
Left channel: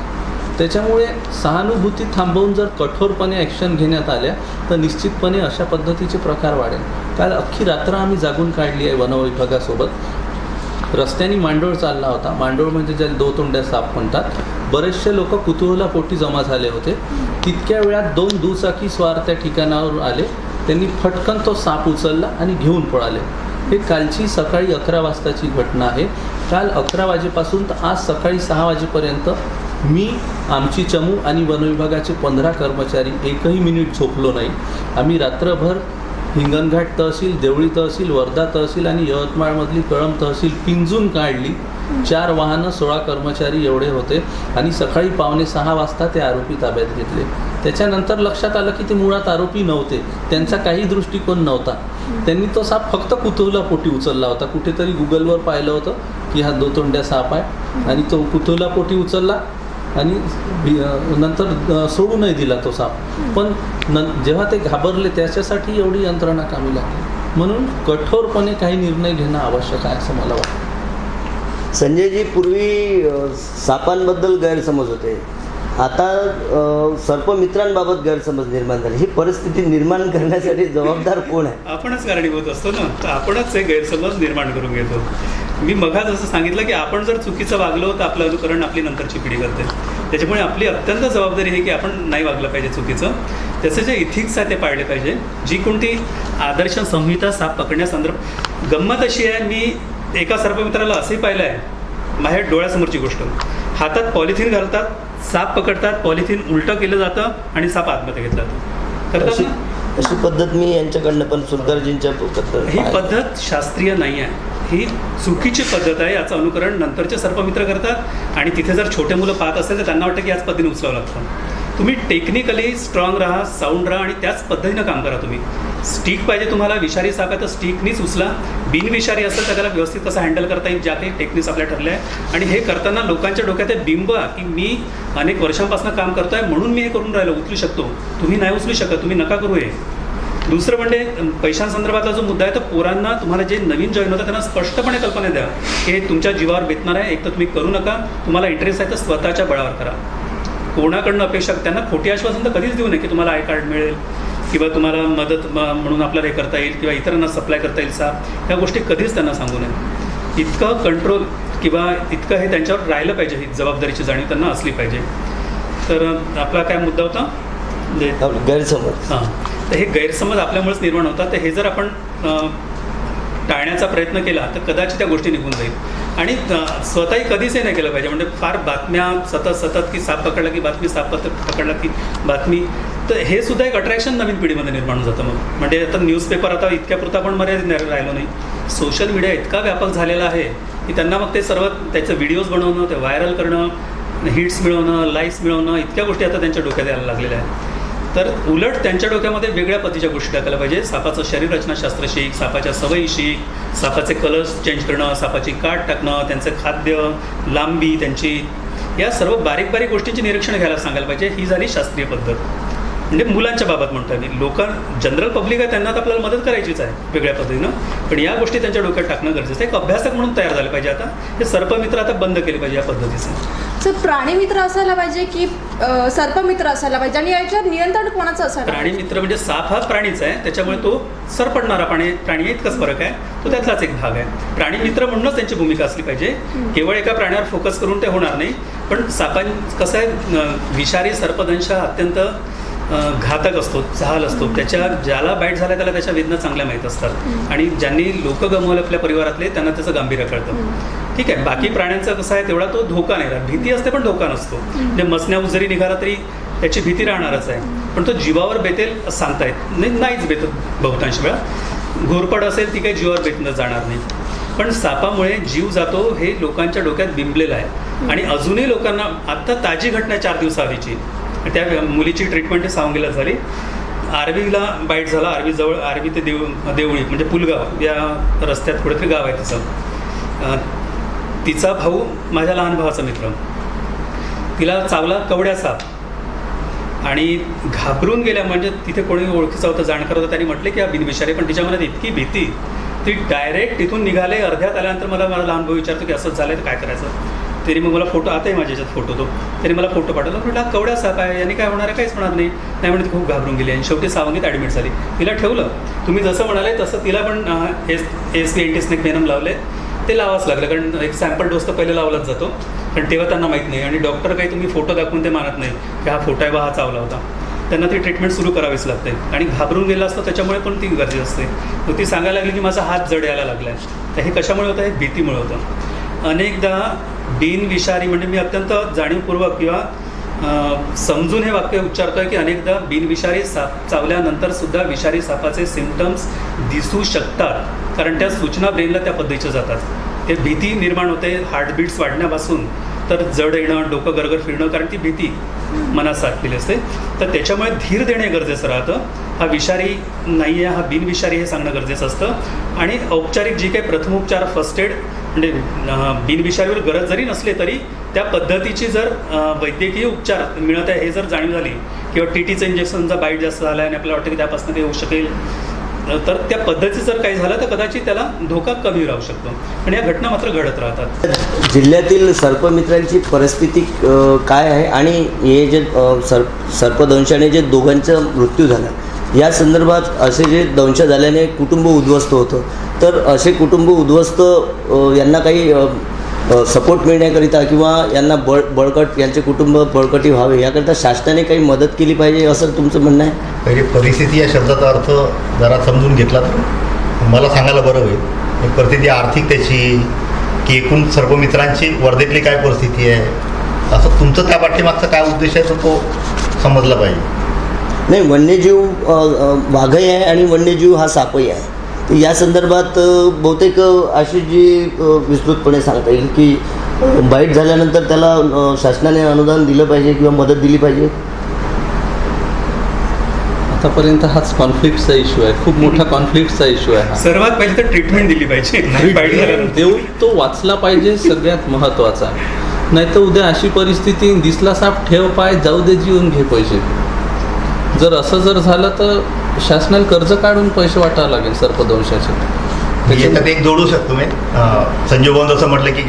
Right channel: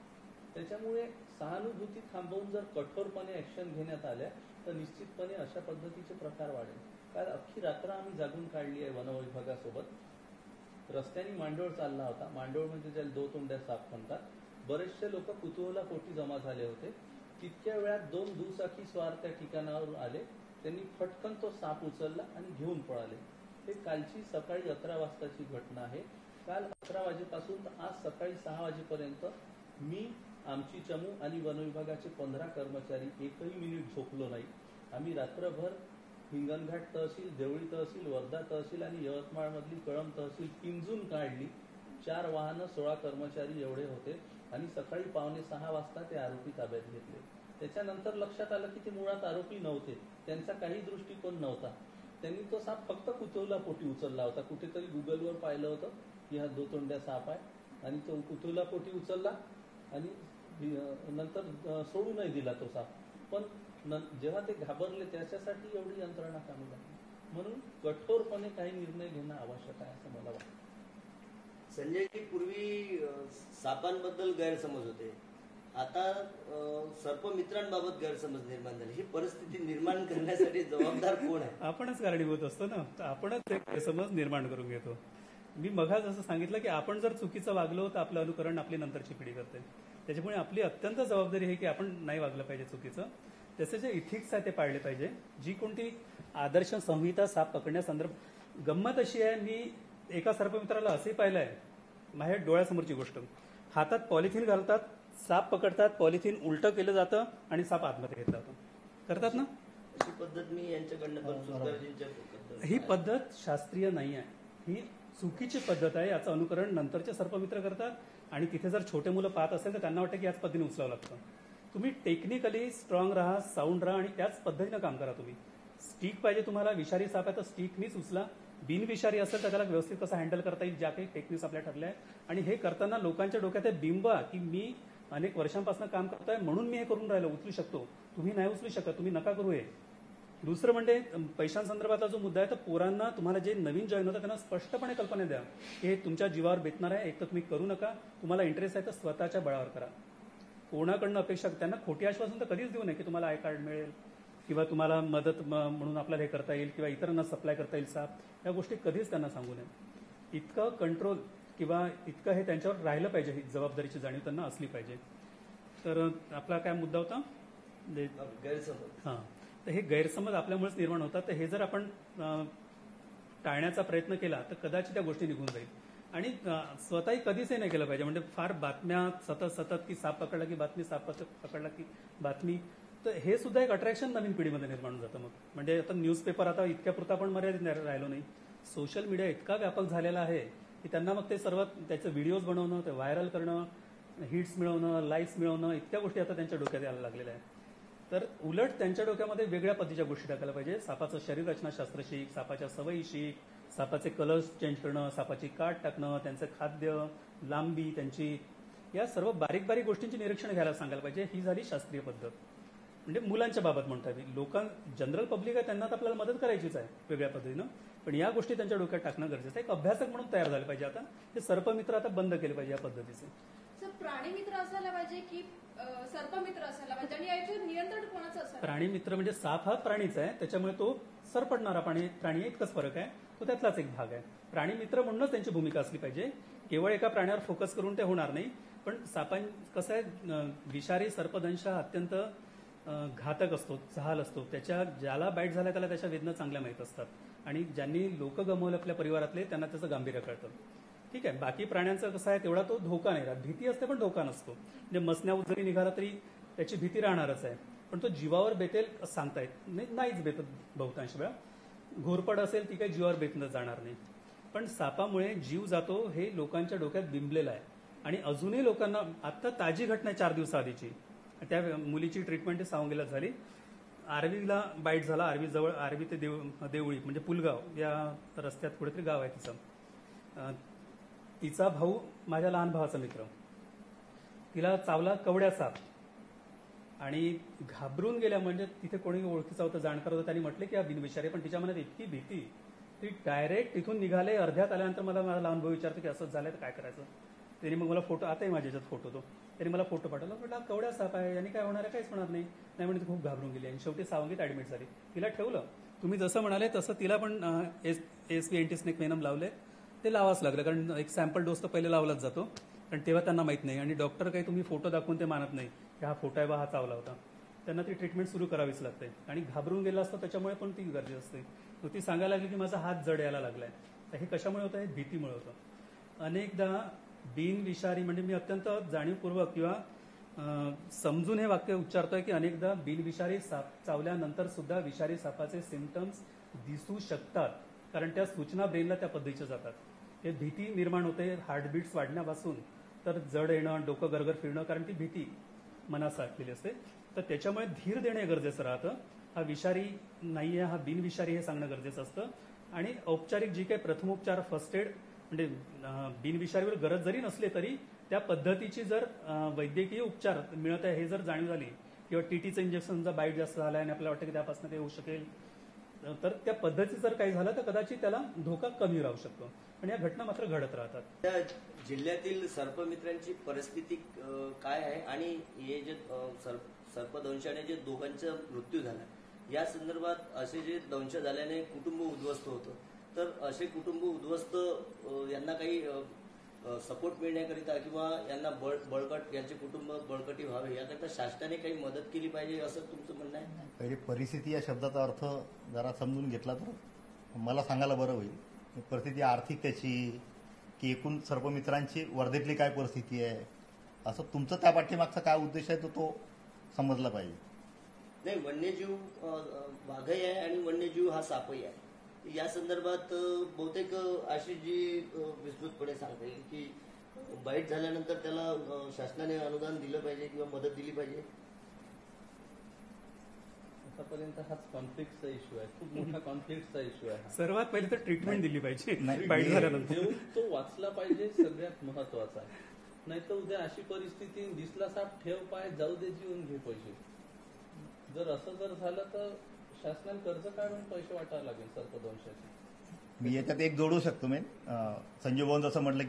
त्याच्यामुळे सहानुभूती थांबवून जर कठोरपणे ॲक्शन घेण्यात आल्या तर निश्चितपणे अशा पद्धतीचे प्रकार वाढेल. काल अख्खी रात्र आम्ही जागून काढली आहे वनविभागासोबत. रस्त्याने मांडोळ चालला होता. मांडोळ म्हणजे ज्याला 2 तोंड्या साप म्हणतात. बरेचसे लोक कुतूहलापोटी जमा झाले होते. तितक्या वेळात 2 दुचाकी स्वार त्या ठिकाणावर आले त्यांनी फटकन तो साप उचलला आणि घेऊन पळाले. हे कालची सकाळी 11 वाजताची घटना आहे. काल 11 वाजेपासून तर आज सकाळी 6 वाजेपर्यंत मी, आमची चमू आणि वनविभागाचे 15 कर्मचारी एकही मिनिट झोपलो नाही. आम्ही रात्रभर हिंगणघाट तहसील, देवळी तहसील, वर्धा तहसील आणि यवतमाळमधली कळंब तहसील पिंजून काढली. 4 वाहनं, 16 कर्मचारी एवढे होते आणि सकाळी 5:45 वाजता ते आरोपी ताब्यात घेतले. त्याच्यानंतर लक्षात आलं की ते मुळात आरोपी नव्हते, त्यांचा काही दृष्टिकोन नव्हता. त्यांनी तो साप फक्त कुतूहलापोटी उचलला होता. कुठेतरी गुगलवर पाहिलं होतं की हा दोतोंड्या साप आहे आणि तो कुतूहलापोटी उचलला आणि नंतर सोडूनही दिला तो साप. पण जेव्हा ते घाबरले त्याच्यासाठी एवढी यंत्रणा कामी लागली. म्हणून कठोरपणे काही निर्णय घेणं आवश्यक आहे असं मला वाटतं. संजयजी, पूर्वी सापांबद्दल गैरसमज होते, आता सर्पमित्रांबाबत गैरसमज निर्माण झाले. ही परिस्थिती निर्माण करण्यासाठी जबाबदार कोण आहे? आपणच कारणीभूत असतो ना, तर आपणच हे गैरसमज निर्माण करून घेतो. मी मगाच असं सांगितलं की आपण जर चुकीचं वागलो तर आपलं अनुकरण आपली नंतरची पिढी करते. त्याच्यामुळे आपली अत्यंत जबाबदारी आहे की आपण नाही वागलं पाहिजे चुकीचं. त्याचे जे इथिक्स आहे ते पाळले पाहिजे. जी कोणती आदर्श संहिता साप पकडण्यासंदर्भात, गंमत अशी आहे, मी एका सर्पमित्राला असंही पाहिलं आहे, माझ्या डोळ्यासमोरची गोष्ट, हातात पॉलिथिन घालतात, साप पकडतात, पॉलिथिन उलटं केलं जातं आणि साप आतमध्ये घेतला जातो. करतात ना? अशी पद्धत मी यांच्याकडनं पण सुरकरजींच्या ही पद्धत शास्त्रीय नाही आहे, ही चुकीची पद्धत आहे. याचं अनुकरण नंतरचे सर्पमित्र करतात आणि तिथे जर छोटे मुलं पाहत असेल तर त्यांना वाटतं की याच पद्धतीने उचलावं लागतं. तुम्ही टेक्निकली स्ट्रॉंग राहा, साऊंड राहा आणि त्याच पद्धतीनं काम करा. तुम्ही स्टिक पाहिजे तुम्हाला, विषारी साप आहे तर स्टिकनीच उचला. बिनविषारी असेल तर त्याला व्यवस्थित कसं हँडल करता येईल, ज्या काही टेक्निक्स आपल्या ठरल्या आहे. आणि हे करताना लोकांच्या डोक्यात हे बिंब की मी अनेक वर्षांपासून काम करतो आहे म्हणून मी हे करून राहिलो, उचलू शकतो. तुम्ही नाही उचलू शकत, तुम्ही नका करू हे. दुसरं म्हणजे पैशांसंदर्भातला जो मुद्दा आहे, तर पोरांना, तुम्हाला जे नवीन जॉईन होतं त्यांना स्पष्टपणे कल्पना द्या की हे तुमच्या जीवावर बेतणार आहे. एक तर तुम्ही करू नका, तुम्हाला इंटरेस्ट आहे तर स्वतःच्या बळावर करा. कोणाकडनं अपेक्षा, त्यांना खोटी आश्वासन तर कधीच देऊ नये की तुम्हाला आय कार्ड मिळेल किंवा तुम्हाला मदत म्हणून आपल्याला हे करता येईल किंवा इतरांना सप्लाय करता येईल साप, ह्या गोष्टी कधीच त्यांना सांगू नये. इतकं कंट्रोल किंवा इतकं हे त्यांच्यावर राहिलं पाहिजे, ही जबाबदारीची जाणीव त्यांना असली पाहिजे. तर आपला काय मुद्दा होता? गैरसमज. हां, तर हे गैरसमज आपल्यामुळेच निर्माण होतात. तर हे जर आपण टाळण्याचा प्रयत्न केला तर कदाचित त्या गोष्टी निघून जाईल. आणि स्वतःही कधीच हे नाही केलं पाहिजे, म्हणजे फार बातम्या सतत की साप पकडला की बातमी, साप पकडला की बातमी, तर हे सुद्धा एक अट्रॅक्शन नवीन पिढीमध्ये निर्माण होऊन जातं. मग म्हणजे आता न्यूजपेपर आता इतक्यापुरता पण मर्यादित राहिलो नाही. सोशल मीडिया इतका व्यापक झालेला आहे की त्यांना मग ते सर्व त्याचं व्हिडिओज बनवणं, ते व्हायरल करणं, हिट्स मिळवणं, लाईक्स मिळवणं, इतक्या गोष्टी आता त्यांच्या डोक्यात यायला लागलेल्या आहेत. तर उलट त्यांच्या डोक्यामध्ये वेगळ्या पद्धतीच्या गोष्टी टाकायला पाहिजे. सापाचं शरीररचनाशास्त्र शिक, सापाच्या सवयी शिक, सापाचे कलर्स चेंज करणं, सापाची काट टाकणं, त्यांचं खाद्य, लांबी त्यांची, या सर्व बारीक बारीक गोष्टींचे निरीक्षण घ्यायला सांगायला पाहिजे. ही झाली शास्त्रीय पद्धत. म्हणजे मुलांच्या बाबत म्हणतो मी, जनरल पब्लिक आहे त्यांना तर आपल्याला मदत करायचीच आहे वेगळ्या पद्धतीनं, पण या गोष्टी त्यांच्या डोक्यात टाकणं गरजेचं आहे. एक अभ्यासक म्हणून तयार झाले पाहिजे. आता हे सर्पमित्र आता बंद केले पाहिजे या पद्धतीचे. सर, प्राणीमित्र असायला पाहिजे की सर्पमित्र असायला पाहिजे, आणि याच्यात नियंत्रण कोणाचं असायला? प्राणीमित्र म्हणजे साप हा प्राणीच आहे, त्याच्यामुळे तो सरपडणारा प्राणी इतकाच फरक आहे, तो त्यातलाच एक भाग आहे. प्राणीमित्र म्हणूनच त्यांची भूमिका असली पाहिजे. केवळ एका प्राण्यावर फोकस करून ते होणार नाही. पण कसं आहे, विषारी सर्पदंश अत्यंत घातक असतो, जहाल असतो. ज्याला बाईट झाला त्याला त्याच्या वेदना चांगल्या माहीत असतात, आणि ज्यांनी लोक गमवले आपल्या परिवारातले त्यांना त्याचं गांभीर्य कळतं. ठीक आहे, बाकी प्राण्यांचं कसं आहे, तेवढा तो धोका नाही राहत. भीती असते पण धोका नसतो. म्हणजे मसण्यावर जरी निघाला तरी त्याची भीती राहणारच आहे, पण तो जीवावर बेतेल सांगता येत नाहीच बेतत बहुतांश वेळा. घोरपड असेल ती काही जीवावर बेतणं जाणार नाही, पण सापामुळे जीव जातो हे लोकांच्या डोक्यात बिंबलेलं आहे. आणि अजूनही लोकांना, आत्ता ताजी घटना 4 दिवसाआधीची, त्या मुलीची ट्रीटमेंट सावंगीला झाली. आर्वीला बाईट झाला. आर्वी ते देवळी म्हणजे पुलगाव या रस्त्यात कुठेतरी गाव आहे तिचं. तिचा भाऊ माझ्या लहान भावाचा मित्र, तिला चावला कवड्या साप आणि घाबरून गेल्या. म्हणजे तिथे कोणी ओळखीचा होता, जाणकार होता, त्यांनी म्हटले की हा बिनविषारी, पण तिच्या मनात इतकी भीती, ती डायरेक्ट तिथून निघाले. अर्ध्यात आल्यानंतर मला लहान भाऊ विचारतो की असंच झालं तर काय करायचं. तरी मग मला फोटो, आताही माझ्या याच्यात फोटो, तो तरी मला फोटो पाठवला. म्हटलं हा कवड्या साप आहे, यांनी काय होणार आहे, काहीच होणार नाही. नाही म्हणजे ती खूप घाबरून गेली आणि शेवटी सावंगीत ॲडमिट झाली. तिला ठेवलं. तुम्ही जसं म्हणाले तसं तिला पण एंटी स्नेक व्हेनम लावले. ते लावाच लागलं, कारण एक सॅम्पल डोस तर पहिले लावलाच जातो, पण तेव्हा त्यांना माहीत नाही. आणि डॉक्टर काही तुम्ही फोटो दाखवून ते मानत नाही की हा फोटो आहे बा, हा चावला होता. त्यांना ती ट्रीटमेंट सुरू करावीच लागते आणि घाबरून गेलं असतं त्याच्यामुळे पण ती गरज असते. तर ती सांगायला लागली की माझा हात जड यायला लागला आहे. तर हे कशामुळे होतं? हे भीतीमुळे होतं. अनेकदा बिनविषारी म्हणजे मी अत्यंत जाणीवपूर्वक किंवा समजून हे वाक्य उच्चारतोय की अनेकदा बिनविषारी साप चावल्यानंतर सुद्धा विषारी सापाचे सिम्पटम्स दिसू शकतात, कारण त्या सूचना ब्रेनला त्या पद्धतीच्या जातात. ते भीती निर्माण होते, हार्टबीट्स वाढण्यापासून तर जड येणं, डोकं गरगर फिरणं, कारण ती भीती मनात साठलेली असते. तर त्याच्यामुळे धीर देणे गरजेचं राहतं. हा विषारी नाही आहे, हा बिनविषारी हे सांगणं गरजेचं असतं. आणि औपचारिक जी काही प्रथमोपचार फर्स्ट एड म्हणजे बिनविषारीवर गरज जरी नसली तरी त्या पद्धतीची जर वैद्यकीय उपचार मिळत आहे हे जर जाणीव झाली किंवा TTचं इंजेक्शनचा बाईट जास्त झाला आणि आपल्याला वाटतं की त्यापासून ते होऊ शकेल, तर त्या पद्धतीचं जर काही झालं तर कदाचित त्याला धोका कमी राहू शकतो. पण या घटना मात्र घडत राहतात. जिल्ह्यातील सर्पमित्रांची परिस्थिती काय आहे आणि हे जे सर्पदंशाने जे दोघांचा मृत्यू झाला या संदर्भात असे जे दंश झाल्याने कुटुंब उद्ध्वस्त होतं, तर असे कुटुंब उद्ध्वस्त यांना काही सपोर्ट मिळण्याकरिता किंवा यांना बळकट यांचे कुटुंब बळकटी व्हावे याकरिता शासनाने काही मदत केली पाहिजे असं तुमचं म्हणणं आहे? म्हणजे परिस्थिती या शब्दाचा अर्थ जरा समजून घेतला तर मला सांगायला बरं होईल. परिस्थिती आर्थिक त्याची की एकूण सर्पमित्रांची वर्धेतली काय परिस्थिती आहे, असं तुमचं त्या पाठीमागचा काय उद्देश आहे तो समजला पाहिजे. नाही, वन्यजीव वाघही आहे आणि वन्यजीव हा सापही आहे. तर या संदर्भात बहुतेक अशी जी विस्तृतपणे सांगता येईल की बाईट झाल्यानंतर त्याला शासनाने अनुदान दिलं पाहिजे किंवा मदत दिली पाहिजे. आतापर्यंत हाच कॉन्फ्लिक्टचा इश्यू आहे, खूप मोठा कॉन्फ्लिक्टचा इश्यू आहे. सर्वात पहिले तर ट्रीटमेंट दिली पाहिजे, बाईट झाल्यानंतर देऊ तो वाचला पाहिजे, सगळ्यात महत्त्वाचा. नाही तर उद्या अशी परिस्थिती, दिसला साप ठेव पाय, जाऊ दे जीवन घे पैसे. जर असं जर झालं तर शासनाला कर्ज काढून पैसे वाटावं लागेल सर्पदंशाचे. याच्यात एक जोडू शकतो मी. संजय भाऊन जसं म्हटलं की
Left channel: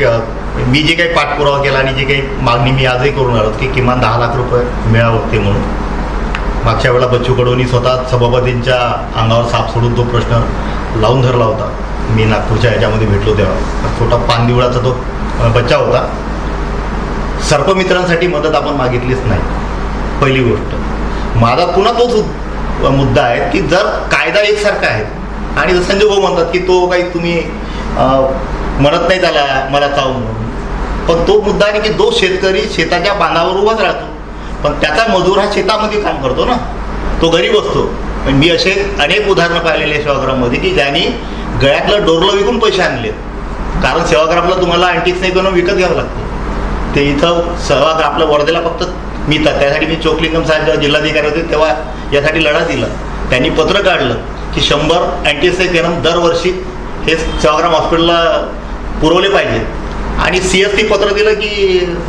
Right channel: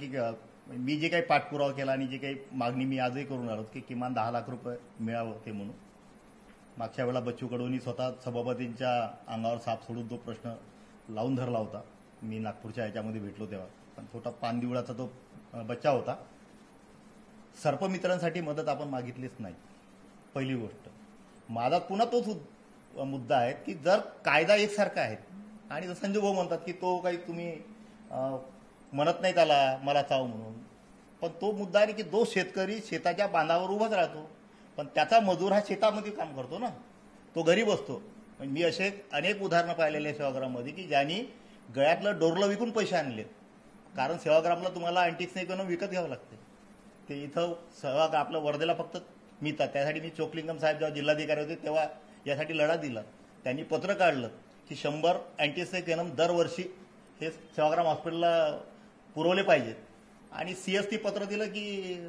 मी जे काही पाठपुरावा केला आणि जी काही मागणी मी आजही करून आलो की किमान 10 लाख रुपये मिळावं ते म्हणून. मागच्या वेळेला बच्चू कडूंनी स्वतः सभापतींच्या अंगावर साप सोडून तो प्रश्न लावून धरला होता. मी नागपूरच्या याच्यामध्ये भेटलो तेव्हा छोटा पानदिवळाचा तो बच्चा होता. सर्पमित्रांसाठी मदत आपण मागितलीच नाही, पहिली गोष्ट. माझा पुन्हा तोच मुद्दा आहे की जर कायदा एकसारखा आहे आणि संजय भाऊ म्हणतात की तो काही तुम्ही म्हणत नाही त्याला मला चावून, पण तो मुद्दा आहे की जो शेतकरी शेताच्या बांधावर उभाच राहतो पण त्याचा मजूर हा शेतामध्ये काम करतो ना, तो गरीब असतो. पण मी असे अनेक उदाहरणं पाहिलेले सेवाग्राममध्ये की ज्यांनी गळ्यातलं डोरलं विकून पैसे आणले, कारण सेवाग्रामला तुम्हाला अँटिक्स नाही करून विकत घ्यावं लागतं. ते इथं सेवाग्राम आपलं वर्धेला फक्त मिळतात. त्यासाठी मी चोकलिंगम साहेब जेव्हा जिल्हाधिकारी होते तेव्हा यासाठी लढा दिला. त्यांनी पत्र काढलं की 100 अँटीसेक वेनम दरवर्षी हे सेवाग्राम हॉस्पिटलला पुरवले पाहिजेत. आणि CST पत्र दिलं की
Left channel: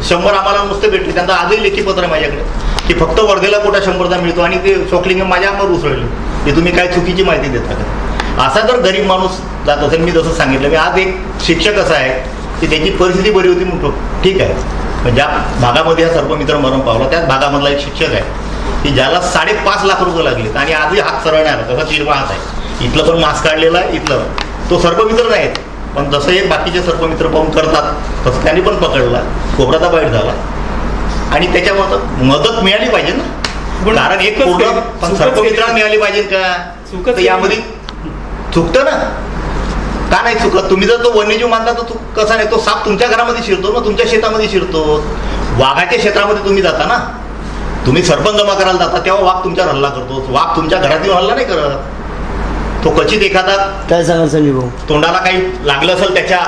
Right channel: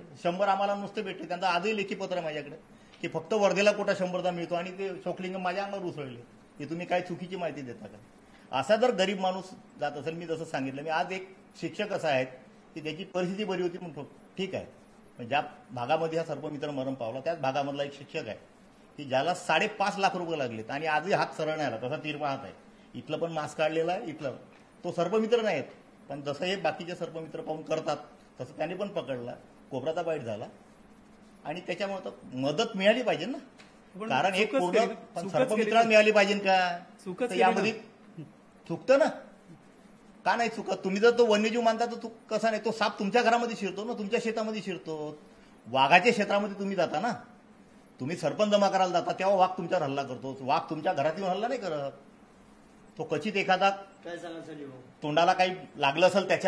100 आम्हाला नुसते भेटले. त्यांचा आजही लेखी पत्र आहे माझ्याकडे की फक्त वर्धेला मोठा 100चा मिळतो आणि ते चोकलिंगम माझ्या अंगावर उसळले. ते तुम्ही काय चुकीची माहिती देता का? असा जर गरीब माणूस जात असेल, मी जसं सांगितलं मी आज एक शिक्षक असा आहे की त्याची परिस्थिती बरी होती म्हणतो ठीक आहे. ज्या भागामध्ये हा सर्पमित्र मरण पावला त्याच भागामधला एक शिक्षक आहे की ज्याला 5.5 लाख रुपये लागलेत आणि आजही हात सरळ नाही आला. तसा चिरवा हात आहे. इथलं पण मास्क काढलेला आहे, इथलं तो सर्पमित्र नाहीत पण जसं हे बाकीचे सर्पमित्र पाहून करतात तसं त्यांनी पण पकडला, खोबराचा बाईट झाला आणि त्याच्यावर मदत मिळाली पाहिजे ना. कारण एक पूर्ण पण सर्पमित्रांना मिळाली पाहिजे का? तर यामध्ये चुकतं ना, का नाही चुकत? तुम्ही जर तो वन्यजीव मानता तर कसा नाही, तो साप तुमच्या घरामध्ये शिरतो ना, तुमच्या शेतामध्ये शिरतो. वाघाच्या क्षेत्रामध्ये तुम्ही जाता ना, तुम्ही सरपंच जमा करायला जाता तेव्हा वाघ तुमच्यावर हल्ला करतो. वाघ तुमच्या घरात येऊन हल्ला नाही करत. तो क्वचित एखादा काय सांगा संजय भाऊ, तोंडाला काही लागलं असेल त्याच्या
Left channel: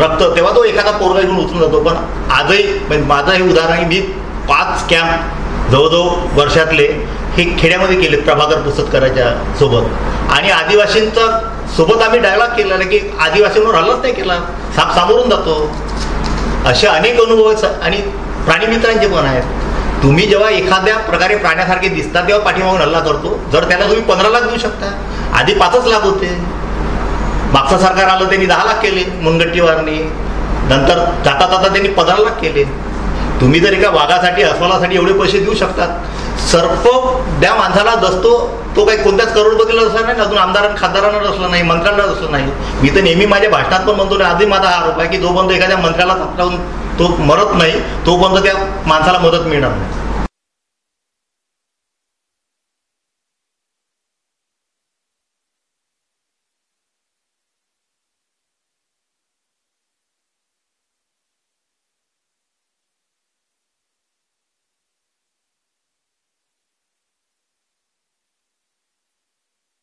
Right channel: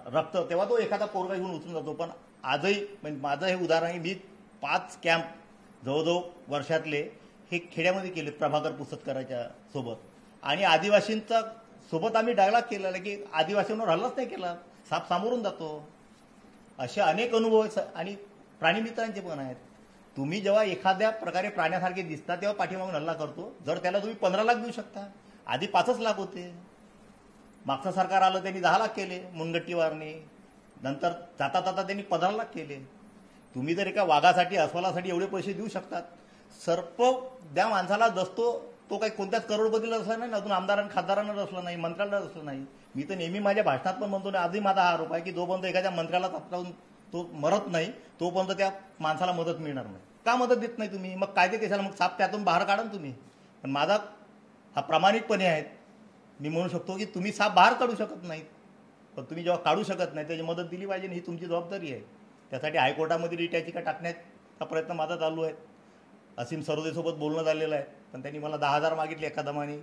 रक्त तेव्हा तो एखादा पोरगा घेऊन उचलून जातो. पण आजही माझं हे उदाहरण मी 5 कॅम्प जवळजवळ वर्षातले हे खेड्यामध्ये केलेत प्रभाकर पुस्तकाच्या सोबत आणि आदिवासींचा सोबत आम्ही डायलॉग केला की आदिवासींवर हल्लाच नाही केला, साप सामोरून जातो. असे अनेक अनुभव आणि प्राणीमित्रांचे पण आहेत. तुम्ही जेव्हा एखाद्या प्रकारे प्राण्यासारखे दिसतात तेव्हा पाठीमागून हल्ला करतो. जर त्याला तुम्ही 15 लाख देऊ शकता, आधी 5च लाख होते. मागचं सरकार आलं त्यांनी 10 लाख केले मुनगट्टीवारनी, नंतर जाता जाता त्यांनी 15 लाख केले. तुम्ही जर एका वाघासाठी अस्वलासाठी एवढे पैसे देऊ शकतात, सर्प त्या माणसाला जसतो तो काही कोणत्याच करोडपतीला असला नाही, अजून आमदारांना खासदारांना असला नाही, मंत्र्यांना असलं नाही. मी तर नेहमी माझ्या भाषणात पण म्हणतो, आधी माझा हा आरोप आहे की जोपर्यंत एखाद्या मंत्र्याला लावून तो मरत नाही तोपर्यंत त्या माणसाला मदत मिळणार नाही. मदत देत नाही तुम्ही, मग कायदे कशाला, मग साप त्यातून बाहेर काढा ना तुम्ही. पण माझा हा प्रामाणिकपणे आहे, मी म्हणू शकतो की तुम्ही साप बाहेर काढू शकत नाहीत, पण तुम्ही जेव्हा काढू शकत नाही त्याची मदत दिली पाहिजे, ही तुमची जबाबदारी आहे. त्यासाठी हायकोर्टामध्ये रिट याचिका टाकण्याचा प्रयत्न माझा चालू आहे. असीम सरोदेसोबत बोलणं झालेलं आहे, पण त्यांनी मला 10,000 मागितले एका दमाने,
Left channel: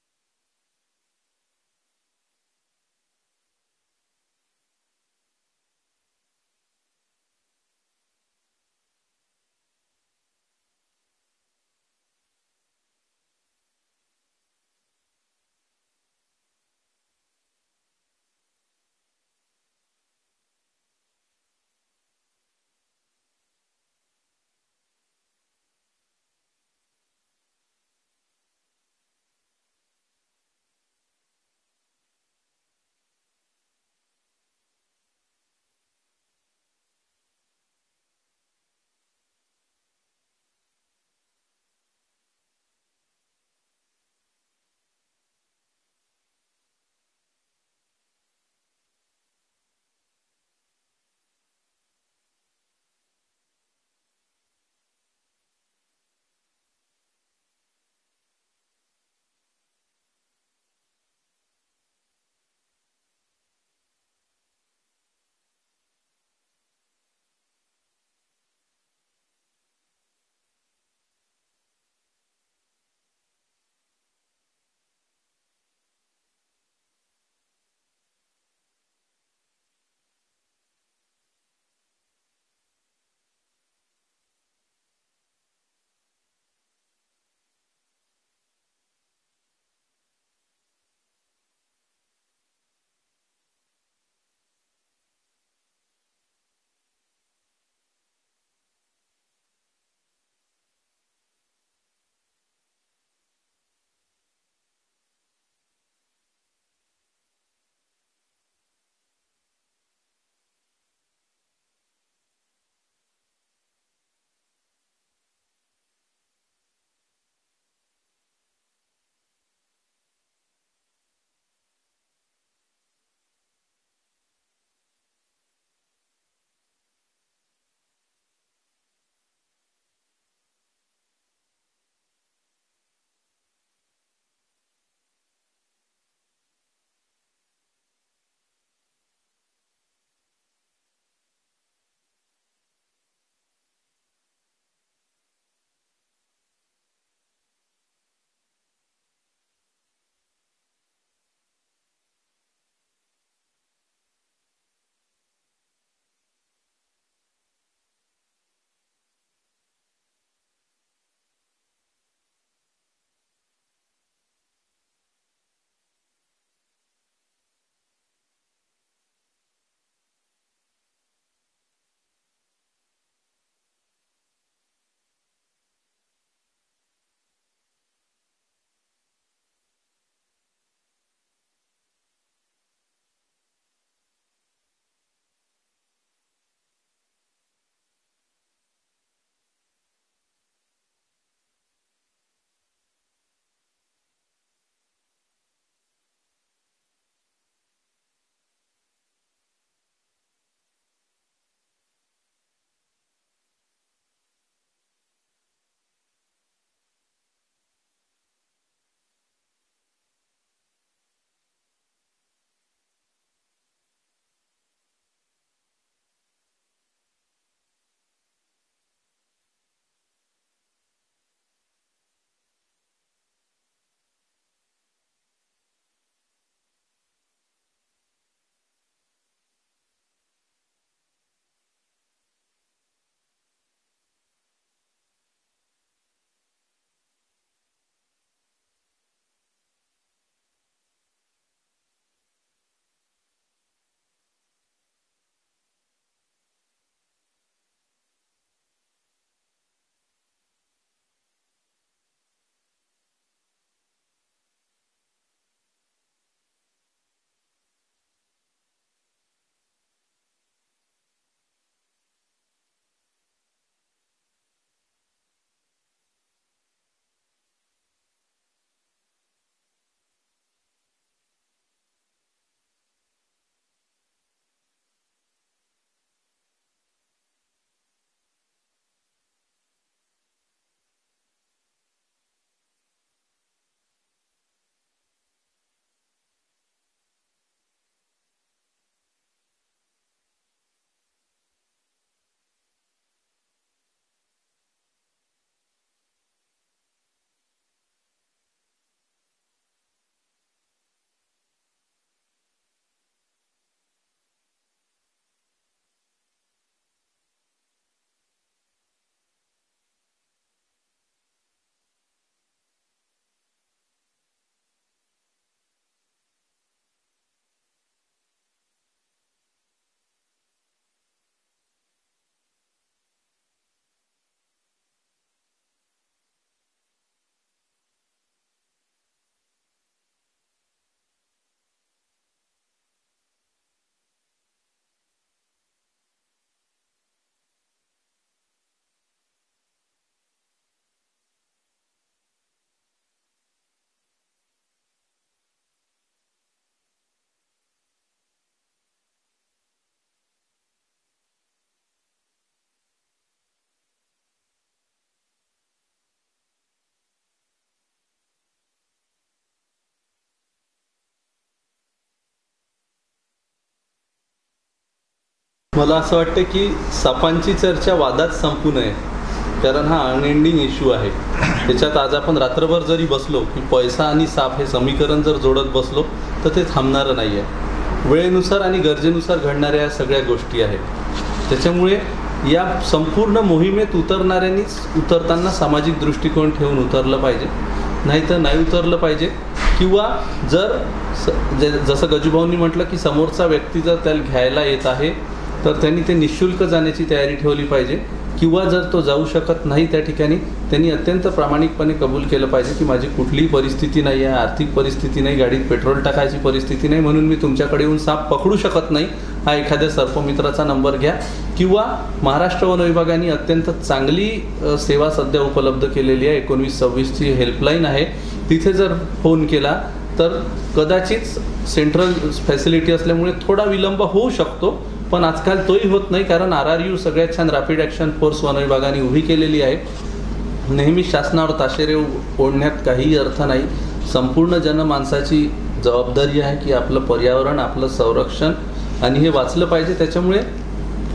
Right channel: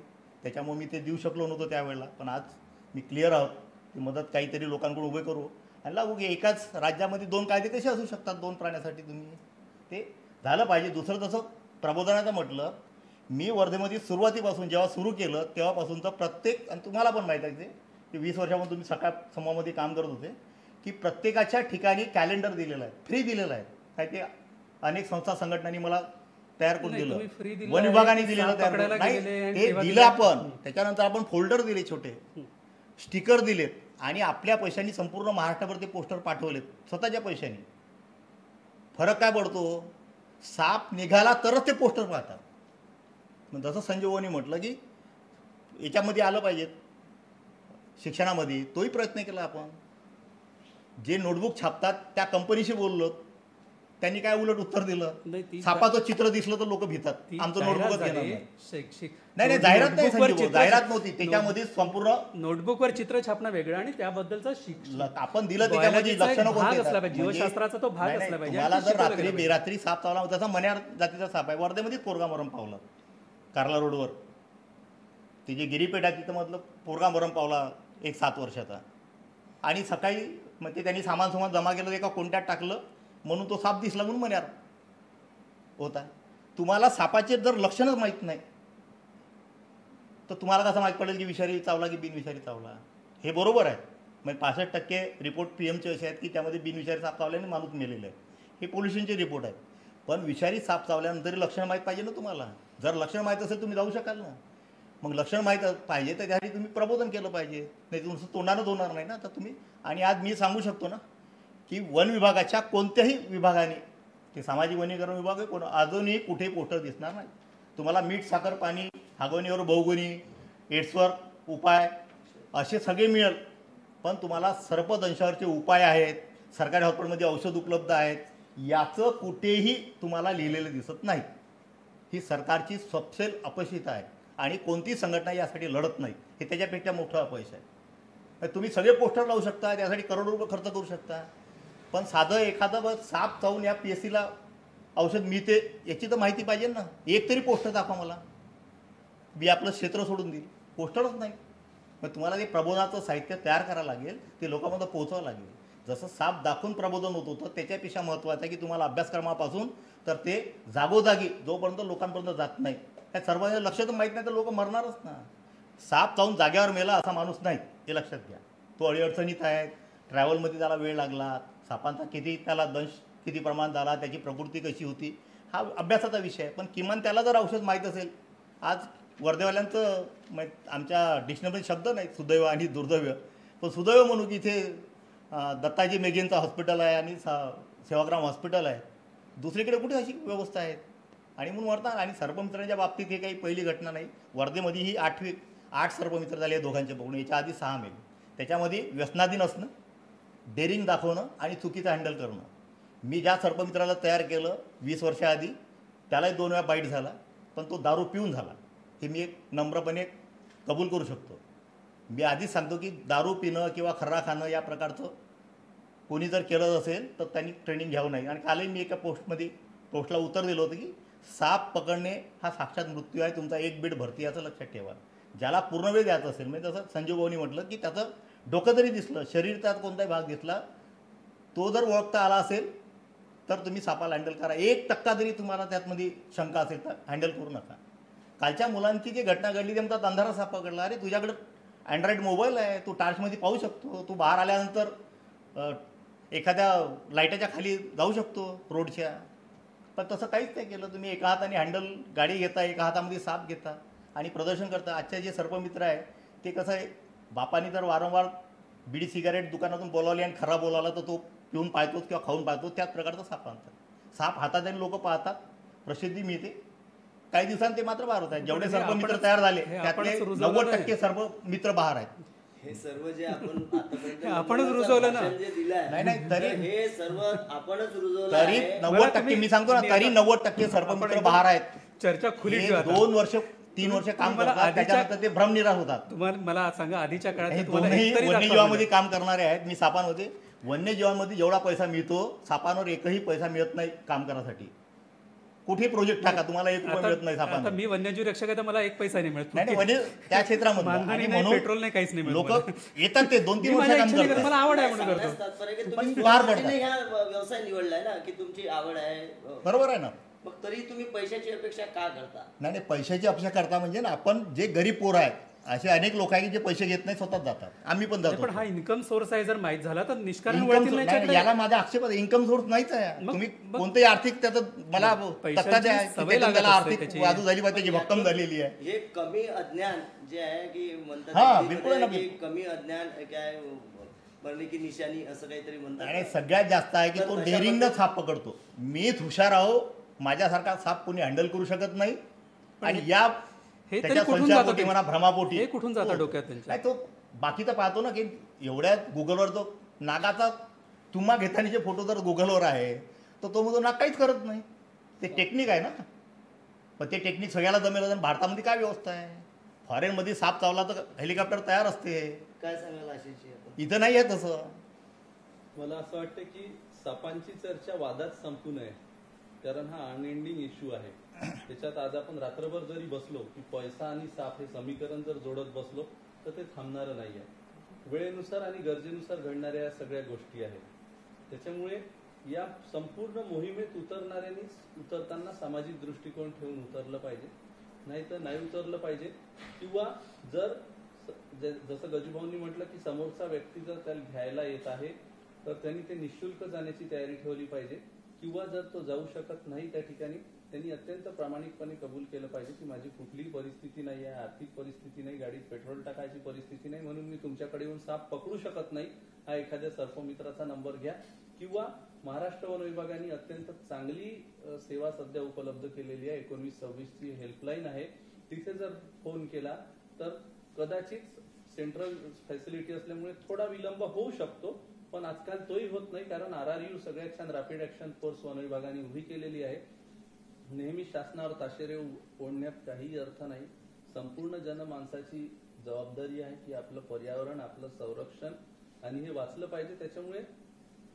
त्याच्यामुळे मी ते देऊ शकलो नव्हतो त्यावेळेला. पण आज मी क्लिअर आहोत की मदत काहीतरी लोकांकडून उभे करू आणि लागू की एकाच राज्यामध्ये 2 कायदे कसे असू शकतात 2 प्राण्यासाठी, तुम्ही ते झालं पाहिजे. दुसरं तसं प्रबोधनाचं म्हटलं, मी वर्धेमध्ये सुरुवातीपासून जेव्हा सुरू केलं तेव्हापासूनचं प्रत्येक, आणि तुम्हाला पण माहीत आहे की 20 वर्षापासून तुम्ही सकाळ समूहामध्ये काम करत होते, की प्रत्येकाच्या ठिकाणी कॅलेंडर दिलेलं आहे, फ्री दिलेलं आहे. काय ते अनेक संस्था संघटनांनी मला तयार करून दिलं, वन विभागाने दिलेलं तयार नाही, ते दिलं आपण. त्याच्यानंतर आपण फोल्डर दिले, छोटे स्टिकर दिलेत, आणि आपल्या पैशांनी संपूर्ण महाराष्ट्राभर ते पोस्टर पाठवलेत स्वतःच्या पैशांनी. फरक काय पडतो, साप निघाला तरच ते पोस्टर पाहतात. मग जसं संजीवनी म्हटलं की याच्यामध्ये आलं पाहिजेत शिक्षणामध्ये, तोही प्रयत्न केला आपण. जे नोटबुक छापतात त्या कंपनीशी बोललो, त्यांनी काय उलट उत्तर दिलं, सापाचं चित्र दिसलं तर लोक भितात, आमचं नोटबुकच घेणार नाही. शैक्षिक नाही जाहिरात नाही संजीव, जाहिरात नव्हती त्याच्यामध्ये, संपूर्ण नोटबुकवर चित्र छापणं वेगळं आणि त्याबद्दलचं आपण दिलं त्याच्यामध्ये लक्षणं कोणते, जीवशास्त्राचा तो भाग असला पाहिजे. तुम्हाला जर रात्री बेरात्री साप चावला, त्याचा मण्यार जातीचा साप आहे, वर्धेमध्येच पोरगा मरण पावला कार्ला रोडवर, ती जी गिरीपेठ आहे तिथं मधलं पोरगा मरण पावला एक 7 वर्षाचा. आणि सकाळी मग ते त्यांनी सामान जमा केलं, एका कोणत्यात टाकलं म्हणून तो साप दिसला म्हणून मण्यार होता. तुम्हाला सापाचे जर लक्षणच माहीत नाही तर तुम्हाला कसं माहीत पडेल की विषारी चावला की बिनविषारी चावला. हे बरोबर आहे, मग 65% रिपोर्ट PM चे असे आहेत की त्यामध्ये बिनविषारी साप चावल्याने माणूस मेलेला आहे, हे पोल्युशनचे रिपोर्ट आहेत. पण विषारी साप चावल्यानंतर लक्षण माहीत पाहिजे ना तुम्हाला. जर लक्षण माहीत असेल तुम्ही जाऊ शकाल ना. मग लक्षण माहीत पाहिजे तर त्यासाठी तुम्ही प्रबोधन केलं पाहिजे, नाही तुमचं तोंडानंच होणार नाही ना. तर तुम्ही, आणि आज मी सांगू शकतो ना की वन विभागाच्या कोणत्याही विभागाने, ते सामाजिक वनीकरण विभाग आहे कोण, अजूनही कुठे पोस्टर दिसणार नाही तुम्हाला. मीठ साखर पाणी, हागवणीवर बहुगुणी, एड्सवर उपाय असे सगळे मिळेल, पण तुम्हाला सर्पदंशावरचे उपाय आहेत, सरकारी हॉस्पिटलमध्ये औषध उपलब्ध आहेत, याचं कुठेही तुम्हाला लिहिलेलं दिसत नाही. ही सरकारची सपशेल अपयशिता आहे आणि कोणती संघटना यासाठी लढत नाही, हे त्याच्यापेक्षा मोठं अपयश आहे. तुम्ही सगळे पोस्टर लावू शकता, त्यासाठी करोडो रुपये खर्च करू शकता, पण साधं एखादं साप चावून या PSCला औषध मिळते याची तर माहिती पाहिजे ना. एक तरी पोस्टर दाखवा मला, मी आपलं क्षेत्र सोडून देईल, पोस्टरच नाही. मग तुम्हाला ते प्रबोधनाचं साहित्य तयार करावं लागेल, ते लोकांमध्ये पोहोचावं लागेल. जसं साप दाखवून प्रबोधन होत होतं त्याच्यापेक्षा महत्त्वाचं आहे की तुम्हाला अभ्यासक्रमापासून तर ते जागोजागी जोपर्यंत लोकांपर्यंत जात नाही, त्या सर्वांना लक्षात माहीत नाही तर लोक मरणारच ना. साप चावून जाग्यावर मेला असा माणूस नाही, हे लक्षात घ्या. तो अडीअडचणीत आहे, ट्रॅव्हलमध्ये त्याला वेळ लागला, सापांचा किती त्याला दंश किती प्रमाण झाला, त्याची प्रकृती कशी होती, हा अभ्यासाचा विषय आहे. पण किमान त्याला जर औषध माहीत असेल, आज वर्धेवाल्यांचं आमच्या डिक्शनरीमध्ये शब्द नाही सुदैव आणि दुर्दैव, पण सुदैव म्हणू की इथे दत्ताजी मेघेंचं हॉस्पिटल आहे आणि सेवाग्राम हॉस्पिटल आहे, दुसरीकडे कुठे अशी व्यवस्था आहे. आणि म्हणून वर्धा आणि सर्पमित्रांच्या बाबतीत हे काही पहिली घटना नाही. वर्धेमध्ये ही 8 सर्पमित्र झाले दोघांचे बघून, याच्या आधी 6 मेले. त्याच्यामध्ये व्यसनाधीन असणं, डेअरिंग दाखवणं आणि चुकीचं हँडल करणं. मी ज्या सर्पमित्राला तयार केलं 20 वर्षाआधी, त्यालाही 2 वेळा बाईट झाला, पण तो दारू पिऊन झाला, हे मी एक नम्रपणे कबूल करू शकतो. मी आधीच सांगतो की दारू पिणं किंवा खर्रा खाणं या प्रकारचं कोणी जर केलं असेल तर त्यांनी ट्रेनिंग घ्यावं नाही. आणि कालही मी एका पोस्टला उत्तर दिलं होतं की साप पकडणे हा साक्षात मृत्यू आहे, तुमचा 1 बेड भरती, याचं लक्षात ठेवा. ज्याला पूर्ण वेळ द्यायचा असेल, म्हणजे जसं संजीव भाऊनी म्हटलं की त्याचं डोकं जरी दिसलं, शरीर त्यात कोणताही भाग दिसला, तो जर ओळखता आला असेल तर तुम्ही सापाला हँडल करा. 1% जरी तुम्हाला त्यातमध्ये शंका असेल तर हँडल करू नका. कालच्या मुलांची जी घटना घडली ते म्हणतात अंधारा साप पकडला. अरे तुझ्याकडे अँड्रॉइड मोबाईल आहे, तू टार्चमध्ये पाहू शकतो, तू बाहेर आल्यानंतर एखाद्या लाईटाच्या खाली जाऊ शकतो रोडच्या, पण तसं काहीच नाही केलं. तुम्ही एका हाताने हँडल गाडी घेता, एका हातामध्ये साप घेता आणि प्रदर्शन करता. आजचे जे सर्पमित्र आहे ते कसं आहे, बापाने जर वारंवार बिडी सिगारेट दुकानातून बोलावली आणि खरा बोलावला तर तो पिऊन पाहतोच किंवा खाऊन पाहतो, त्याच प्रकारचा साप आणतात. साप हातात आणि लोक पाहतात, प्रसिद्धी मिळते. काही दिवसांनी ते मात्र बाहेर होत आहेत. जेवढे सर्पमित्र तयार झाले त्यातले 90% सर्पमित्र बाहेर आहेत. हे सर्व जे आपण आतापर्यंत आपणच रुजवलं ना. भाषण जे दिलं आहे, नाही, तरी- तर हे सर्व आपणच रुजवलं तरी आहे. 90% मी सांगतो ना, तरी 90% सर्पमित्र बाहेर आहेत. चर्चा खुली हे ठेवा. 2 वर्ष 3 वर्ष काम मला करतात, आधीच्या- त्याच्यानंतर ते भ्रमनिराश होतात. तुम्हाला मला सांगा, आधीच्या काळात हे तुम्हाला दोन्ही एकतरी वन्यजीवामध्ये दाखवा काम करणारे आहेत. मी सापांमध्ये वन्यजीवांमध्ये जेवढा पैसा मिळतो, सापांवर एकही पैसा मिळत नाही काम करण्यासाठी. कुठे प्रोजेक्ट टाका, तुम्हाला 1 रुपया मिळत नाही आता सापांवर. मी वन्यजीव रक्षक आहे तर मला एक पैसा नाही मिळत. नाही वन्य त्या क्षेत्रामध्ये मानधनी आणि नाही, म्हणून पेट्रोल नाही, काहीच नाही मिळत लोक मला. येतात, ते 2-3 मी वर्ष माझ्या काम इच्छेने करतो, करतात. मला आवड आहे म्हणून करतो. सांगण्याचं तात्पर्य की पण तुम्ही पार स्वतःने पडतात. हा व्यवसाय निवडलाय ना, की तुमची आवड आहे. बरोबर आहे ना. मग तरी तुम्ही पैशाची अपेक्षा का करता? नाही पैशाची अपेक्षा करता म्हणजे ना, आपण जे गरीब पोर आहेत असे अनेक लोक आहेत की जे पैसे घेत नाही, स्वतःच जातात. आम्ही पण नाही, जातो. पण हा इन्कम सोर्स आहे, जर माहीत झाला तर निष्कारण Income वळतील source- नाही नाही, याच्याकडे. याला माझा आक्षेप आहे. इन्कम सोर्स नाहीच आहे. मग- तुम्ही मग- कोणतेही आर्थिक त्याचं मला पैशाची तक्ता द्या की सवय त्याच्यात लागत त्याला असते आर्थिक त्याची. बाजू झाली पाहिजे, त्याची भक्कम झालेली आहे. हे कमी अज्ञान जे आहे की म्हणतात हा, हिंदीमध्ये बिलकुल आहे ना, की कमी अज्ञान काय मरणे की निशाणी असं काहीतरी म्हणतात. आणि सगळ्यात जास्त आहे की तर तो तशा डेअरिंगनं पद्धती- साप पकडतो. मीच हुशार आहो, माझ्यासारखा साप कोणी हँडल करू शकत नाही. आणि या हे तरी त्याच्या कुठून संशयापोटी जातं म्हणा, भ्रमापोटी हे कुठून जातं डोक्यात त्यांच्या? नाही, तो बाकीचा पाहतो ना की एवढ्या गुगलवर तो नागाचा तुम्हा घेतानाचे फोटो जर गुगलवर आहे तर तो मग नाग काहीच करत नाही. ते टेक्निक आहे ना. पण ते टेक्निक सगळ्याला जमेल. आणि भारतामध्ये काय व्यवस्था आहे? फॉरेनमध्ये साप चावला तर हेलिकॉप्टर तयार असते. काय सांगायला अशीची आता? इथं नाही आहे तसं. मला असं वाटतं की सापांची चर्चा वादात संपू नये, कारण हा अनएंडिंग इश्यू आहे. त्याच्यात आज आपण रात्रभर जरी बसलो की पैसा आणि साप हे समीकरण जर जोडत बसलो तर ते थांबणारं नाही आहे. वेळेनुसार आणि गरजेनुसार घडणाऱ्या या सगळ्या गोष्टी आहेत. त्याच्यामुळे या संपूर्ण मोहिमेत उतरणाऱ्यांनीच उतरताना सामाजिक दृष्टिकोन ठेवून उतरलं पाहिजे, नाही तर नाही उतरलं पाहिजे. किंवा जर जसं गजूभाऊंनी म्हटलं की समोरचा व्यक्ती जर त्याला घ्यायला येत आहे तर त्यांनी ते निःशुल्क जाण्याची तयारी ठेवली पाहिजे. किंवा जर तो जाऊ शकत नाही त्या ठिकाणी त्यांनी अत्यंत प्रामाणिकपणे कबूल केलं पाहिजे की माझी कुठलीही परिस्थिती नाही आहे, आर्थिक परिस्थिती नाही, गाडीत पेट्रोल टाकायची परिस्थिती नाही, म्हणून मी तुमच्याकडे येऊन साप पकडू शकत नाही. हा एखाद्या सर्पमित्राचा नंबर घ्या. किंवा महाराष्ट्र वन विभागाने अत्यंत चांगली सेवा सध्या उपलब्ध केलेली आहे. 1926ची हेल्पलाईन आहे. तिथे जर फोन केला तर कदाचित सेंट्रल फॅसिलिटी असल्यामुळे थोडा विलंब होऊ शकतो, पण आजकाल तोही होत नाही, कारण RRU सगळ्यात छान रॅपिड ॲक्शन फोर्स वन विभागाने उभी केलेली आहे. नेहमी शासनावर ताशेरे ओढण्यात काहीही अर्थ नाही. संपूर्ण जनमानसाची जबाबदारी आहे की आपलं पर्यावरण, आपलं संरक्षण आणि हे वाचलं पाहिजे. त्याच्यामुळे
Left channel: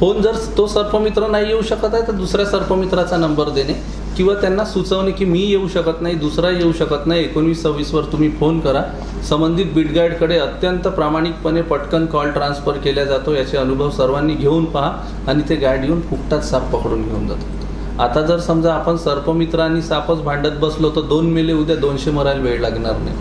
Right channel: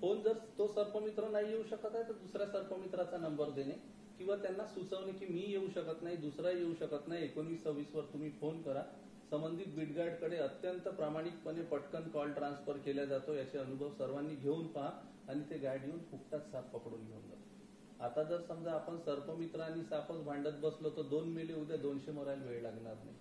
फोन जर तो सर्पमित्र नाही येऊ शकत आहे तर दुसऱ्या सर्पमित्राचा नंबर देणे किंवा त्यांना सुचवणे की मी येऊ शकत नाही, दुसरा येऊ शकत नाही, 1926वर तुम्ही फोन करा. संबंधित बीटगाईडकडे अत्यंत प्रामाणिकपणे पटकन कॉल ट्रान्सफर केला जातो. याचे अनुभव सर्वांनी घेऊन पहा आणि ते गाईड येऊन फुकटात साप पकडून घेऊन जातात. आता जर समजा आपण सर्पमित्र आणि सापच भांडत बसलो तर 2 मेले, उद्या 200 मरायला वेळ लागणार नाही.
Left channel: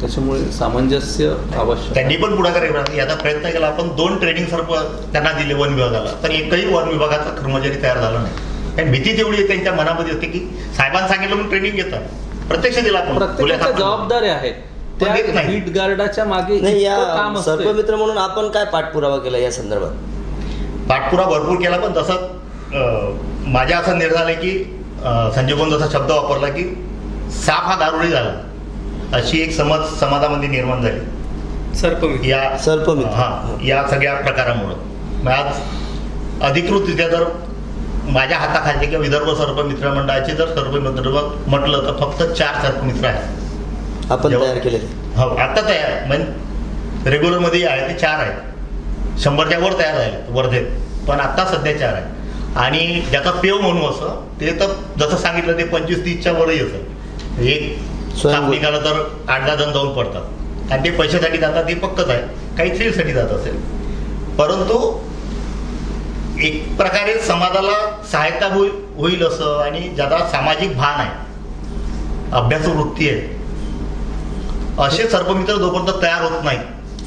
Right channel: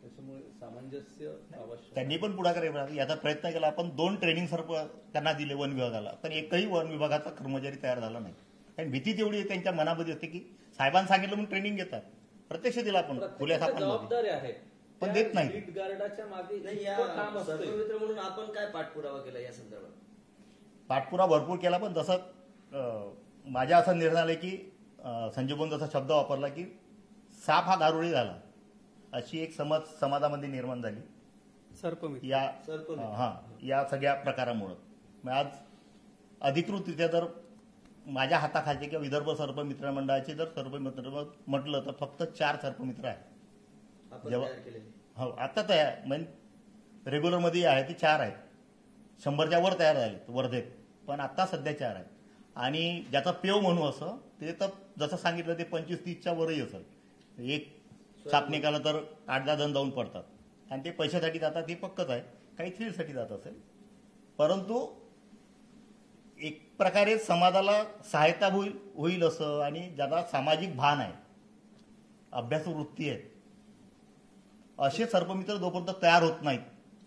त्याच्यामुळे सामंजस्य आवश्यक. त्यांनी पण पुढाकार याचा प्रयत्न केला. आपण 2 ट्रेनिंग सर्प त्यांना दिले वन विभागाला, तर एकही वन विभागाचा कर्मचारी तयार झाला नाही. कारण भीती तेवढी आहे त्यांच्या मनामध्ये असते की साहेबांनी सांगितलं म्हणून ट्रेनिंग घेतात. प्रत्यक्ष दिला आपण. प्रत्येकाच्या जबाबदाऱ्या आहेत त्या देत नाही. बीट गार्डाच्या मागे नाही, इतकं या काम असतं. सर्पमित्र म्हणून आपण काय पाठपुरावा केला या संदर्भात? पाठपुरावा भरपूर केला, पण जसं माझ्या असं निर्धार आहे की संजय भाऊन जसा शब्द वापरला की साप हा दारुडी झाला, अशी एक समज समाजामध्ये निर्माण झाली सर्पमित्र. या सर्पमित्र. या सगळ्या प्रकारामुळं. मग आज अधिकृतरित्या जर माझ्या हाताखाली किंवा विदर्भ सर्पमित्र मंडळाचे जर सर्पमित्र म्हटलं तर फक्त 4 सर्पमित्र आहेत आपण तयार केलेले. हो, आता तयार म्हणजे रेग्युलरमध्ये आहे ते 4 आहेत. 100च्या वर तयार झाले वर्धेत, पण आता सध्या 4 आहेत. आणि ज्याचा पेव म्हणू असं ते तर जसं सांगितलं ते 25-30च्या वरही असं. एक साप निघालं तर 8-10 जण जाऊन पडतात आणि ते पैशासाठी जातात हे पक्कच आहे. काही थ्रिलसाठी जात असेल, परंतु एक प्रकारे समाजाला सहायता होईल असं आणि ज्याला सामाजिक भान आहे, अभ्यासू वृत्ती आहे, असे सर्पमित्र जोपर्यंत तयार होत नाही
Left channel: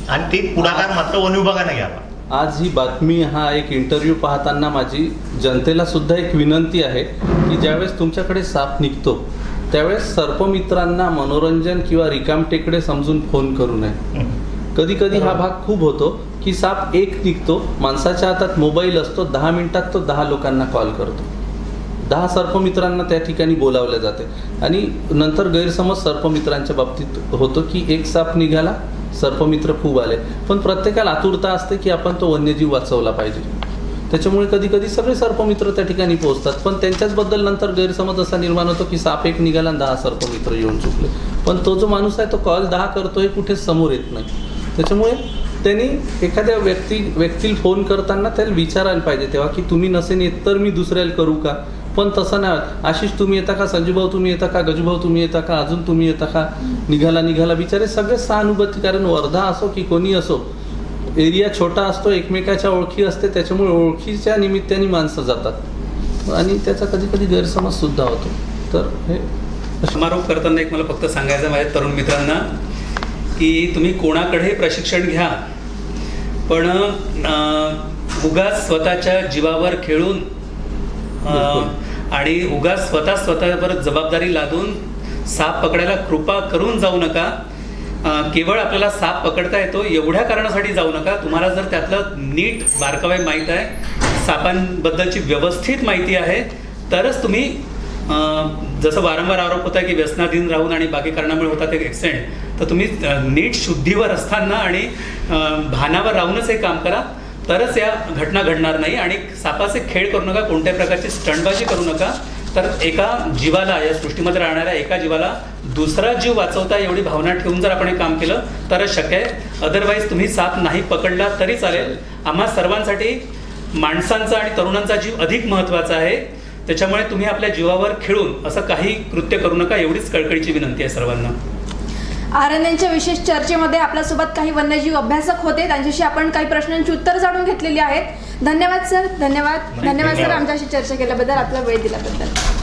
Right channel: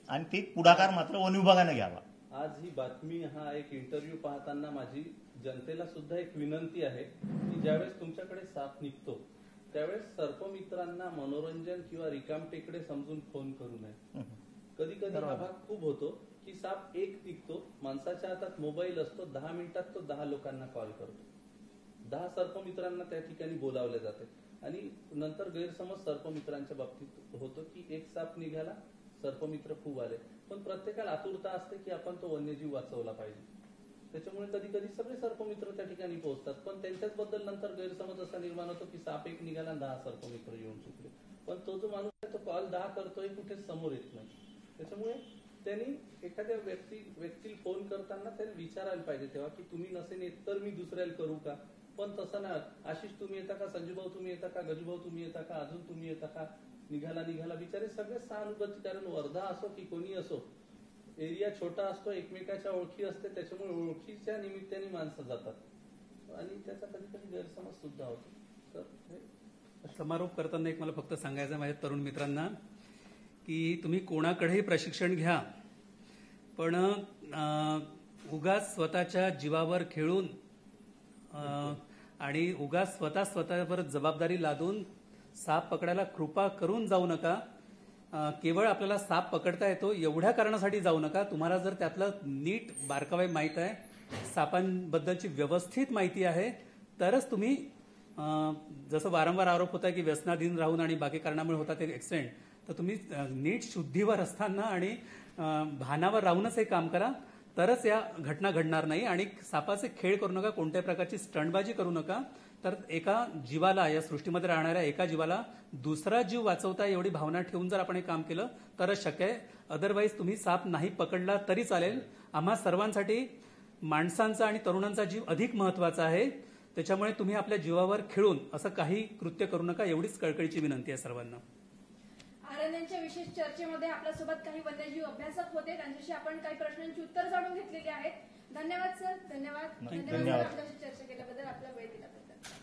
आणि ते पुढाकार मात्र वन विभागाने घ्यावा. आज ही बातमी, हा एक इंटरव्ह्यू पाहताना माझी जनतेला सुद्धा एक विनंती आहे की ज्यावेळेस तुमच्याकडे साप निघतो त्यावेळेस सर्पमित्रांना मनोरंजन किंवा रिकामटेकडे समजून फोन करू नये. कधी कधी हा भाग खूप होतो की साप एक निघतो, माणसाच्या हातात मोबाईल असतो, 10 मिनिटात तो 10 लोकांना कॉल करतो, 10 सर्पमित्रांना त्या ठिकाणी बोलावले जाते आणि नंतर गैरसमज सर्पमित्रांच्या बाबतीत होतो की एक साप निघाला सर्पमित्र खूप आले, पण प्रत्येकाला आतुरता असते की आपण तो वन्यजीव वाचवला पाहिजे. त्याच्यामुळे कधी कधी सगळे सर्पमित्र त्या ठिकाणी पोहोचतात, पण त्यांच्याचबद्दल नंतर गैरसमज असा निर्माण होतो की साप एक निघाला आणि 10 सर्पमित्र येऊन चुकले. पण तो जो माणूस आहे तो कॉल 10 करतोय, कुठेच समोर येत नाही. त्याच्यामुळे त्यांनी एखाद्या व्यक्तीला फोन करताना त्याला विचारायला पाहिजे तेव्हा की तुम्ही नसेन येत तर मी दुसऱ्याला करू का. पण तसं नाही, आशिष तुम्ही येता का, संजूभाऊ तुम्ही येता का, गजूभाऊ तुम्ही येता का, अजून तुम्ही येता का, निघाला बिचारे सगळे सहानुभूती. कारण वर्धा असो की कोणी असो, एरिया छोटा असतो, एकमेकाच्या ओळखी असते, त्याच्यामुळे ओळखीच्या निमित्ताने माणसं जातात आणि त्याचा कधी कधी गैरसमज सुद्धा होतो. तर हे समारोप करताना एक मला फक्त सांगायचं माझ्या तरुण मित्रांना की तुम्ही कोणाकडे प्रशिक्षण घ्या, पण उगाच स्वतःच्या जीवावर खेळून आणि उगाच स्वतःवर जबाबदारी लादून साप पकडायला कृपा करून जाऊ नका. केवळ आपल्याला साप पकडता येतो एवढ्या कारणासाठी जाऊ नका. तुम्हाला जर त्यातलं नीट बारकावे माहीत आहे, सापांबद्दलची व्यवस्थित माहिती आहे, तरच तुम्ही जसं वारंवार आरोप होता की व्यसनाधीन राहून आणि बाकी कारणामुळे होतात एक ॲक्सिडेंट, तर तुम्ही नीट शुद्धीवर असताना आणि भानावर राहूनच हे काम करा, तरच या घटना घडणार नाही. आणि सापाचे खेळ करू नका, कोणत्या प्रकारची स्टंटबाजी करू नका. तर एका जीवाला, या सृष्टीमध्ये राहणाऱ्या एका जीवाला दुसरा जीव वाचवता एवढी भावना ठेवून जर आपण हे काम केलं तरच शक्य आहे. अदरवाईज तुम्ही साप नाही पकडला तरी चालेल. आम्हा सर्वांसाठी माणसांचा आणि तरुणांचा जीव अधिक महत्त्वाचा आहे. त्याच्यामुळे तुम्ही आपल्या जीवावर खेळून असं काही कृत्य करू नका, एवढीच कळकळीची विनंती आहे सर्वांना. आरण्यांच्या विशेष चर्चेमध्ये आपल्यासोबत काही वन्यजीव अभ्यासक होते, त्यांच्याशी आपण काही प्रश्नांची उत्तर जाणून घेतलेली आहेत. धन्यवाद सर, धन्यवाद सर आमच्याशी चर्चा केल्याबद्दल, आपला वेळ दिल्याबद्दल.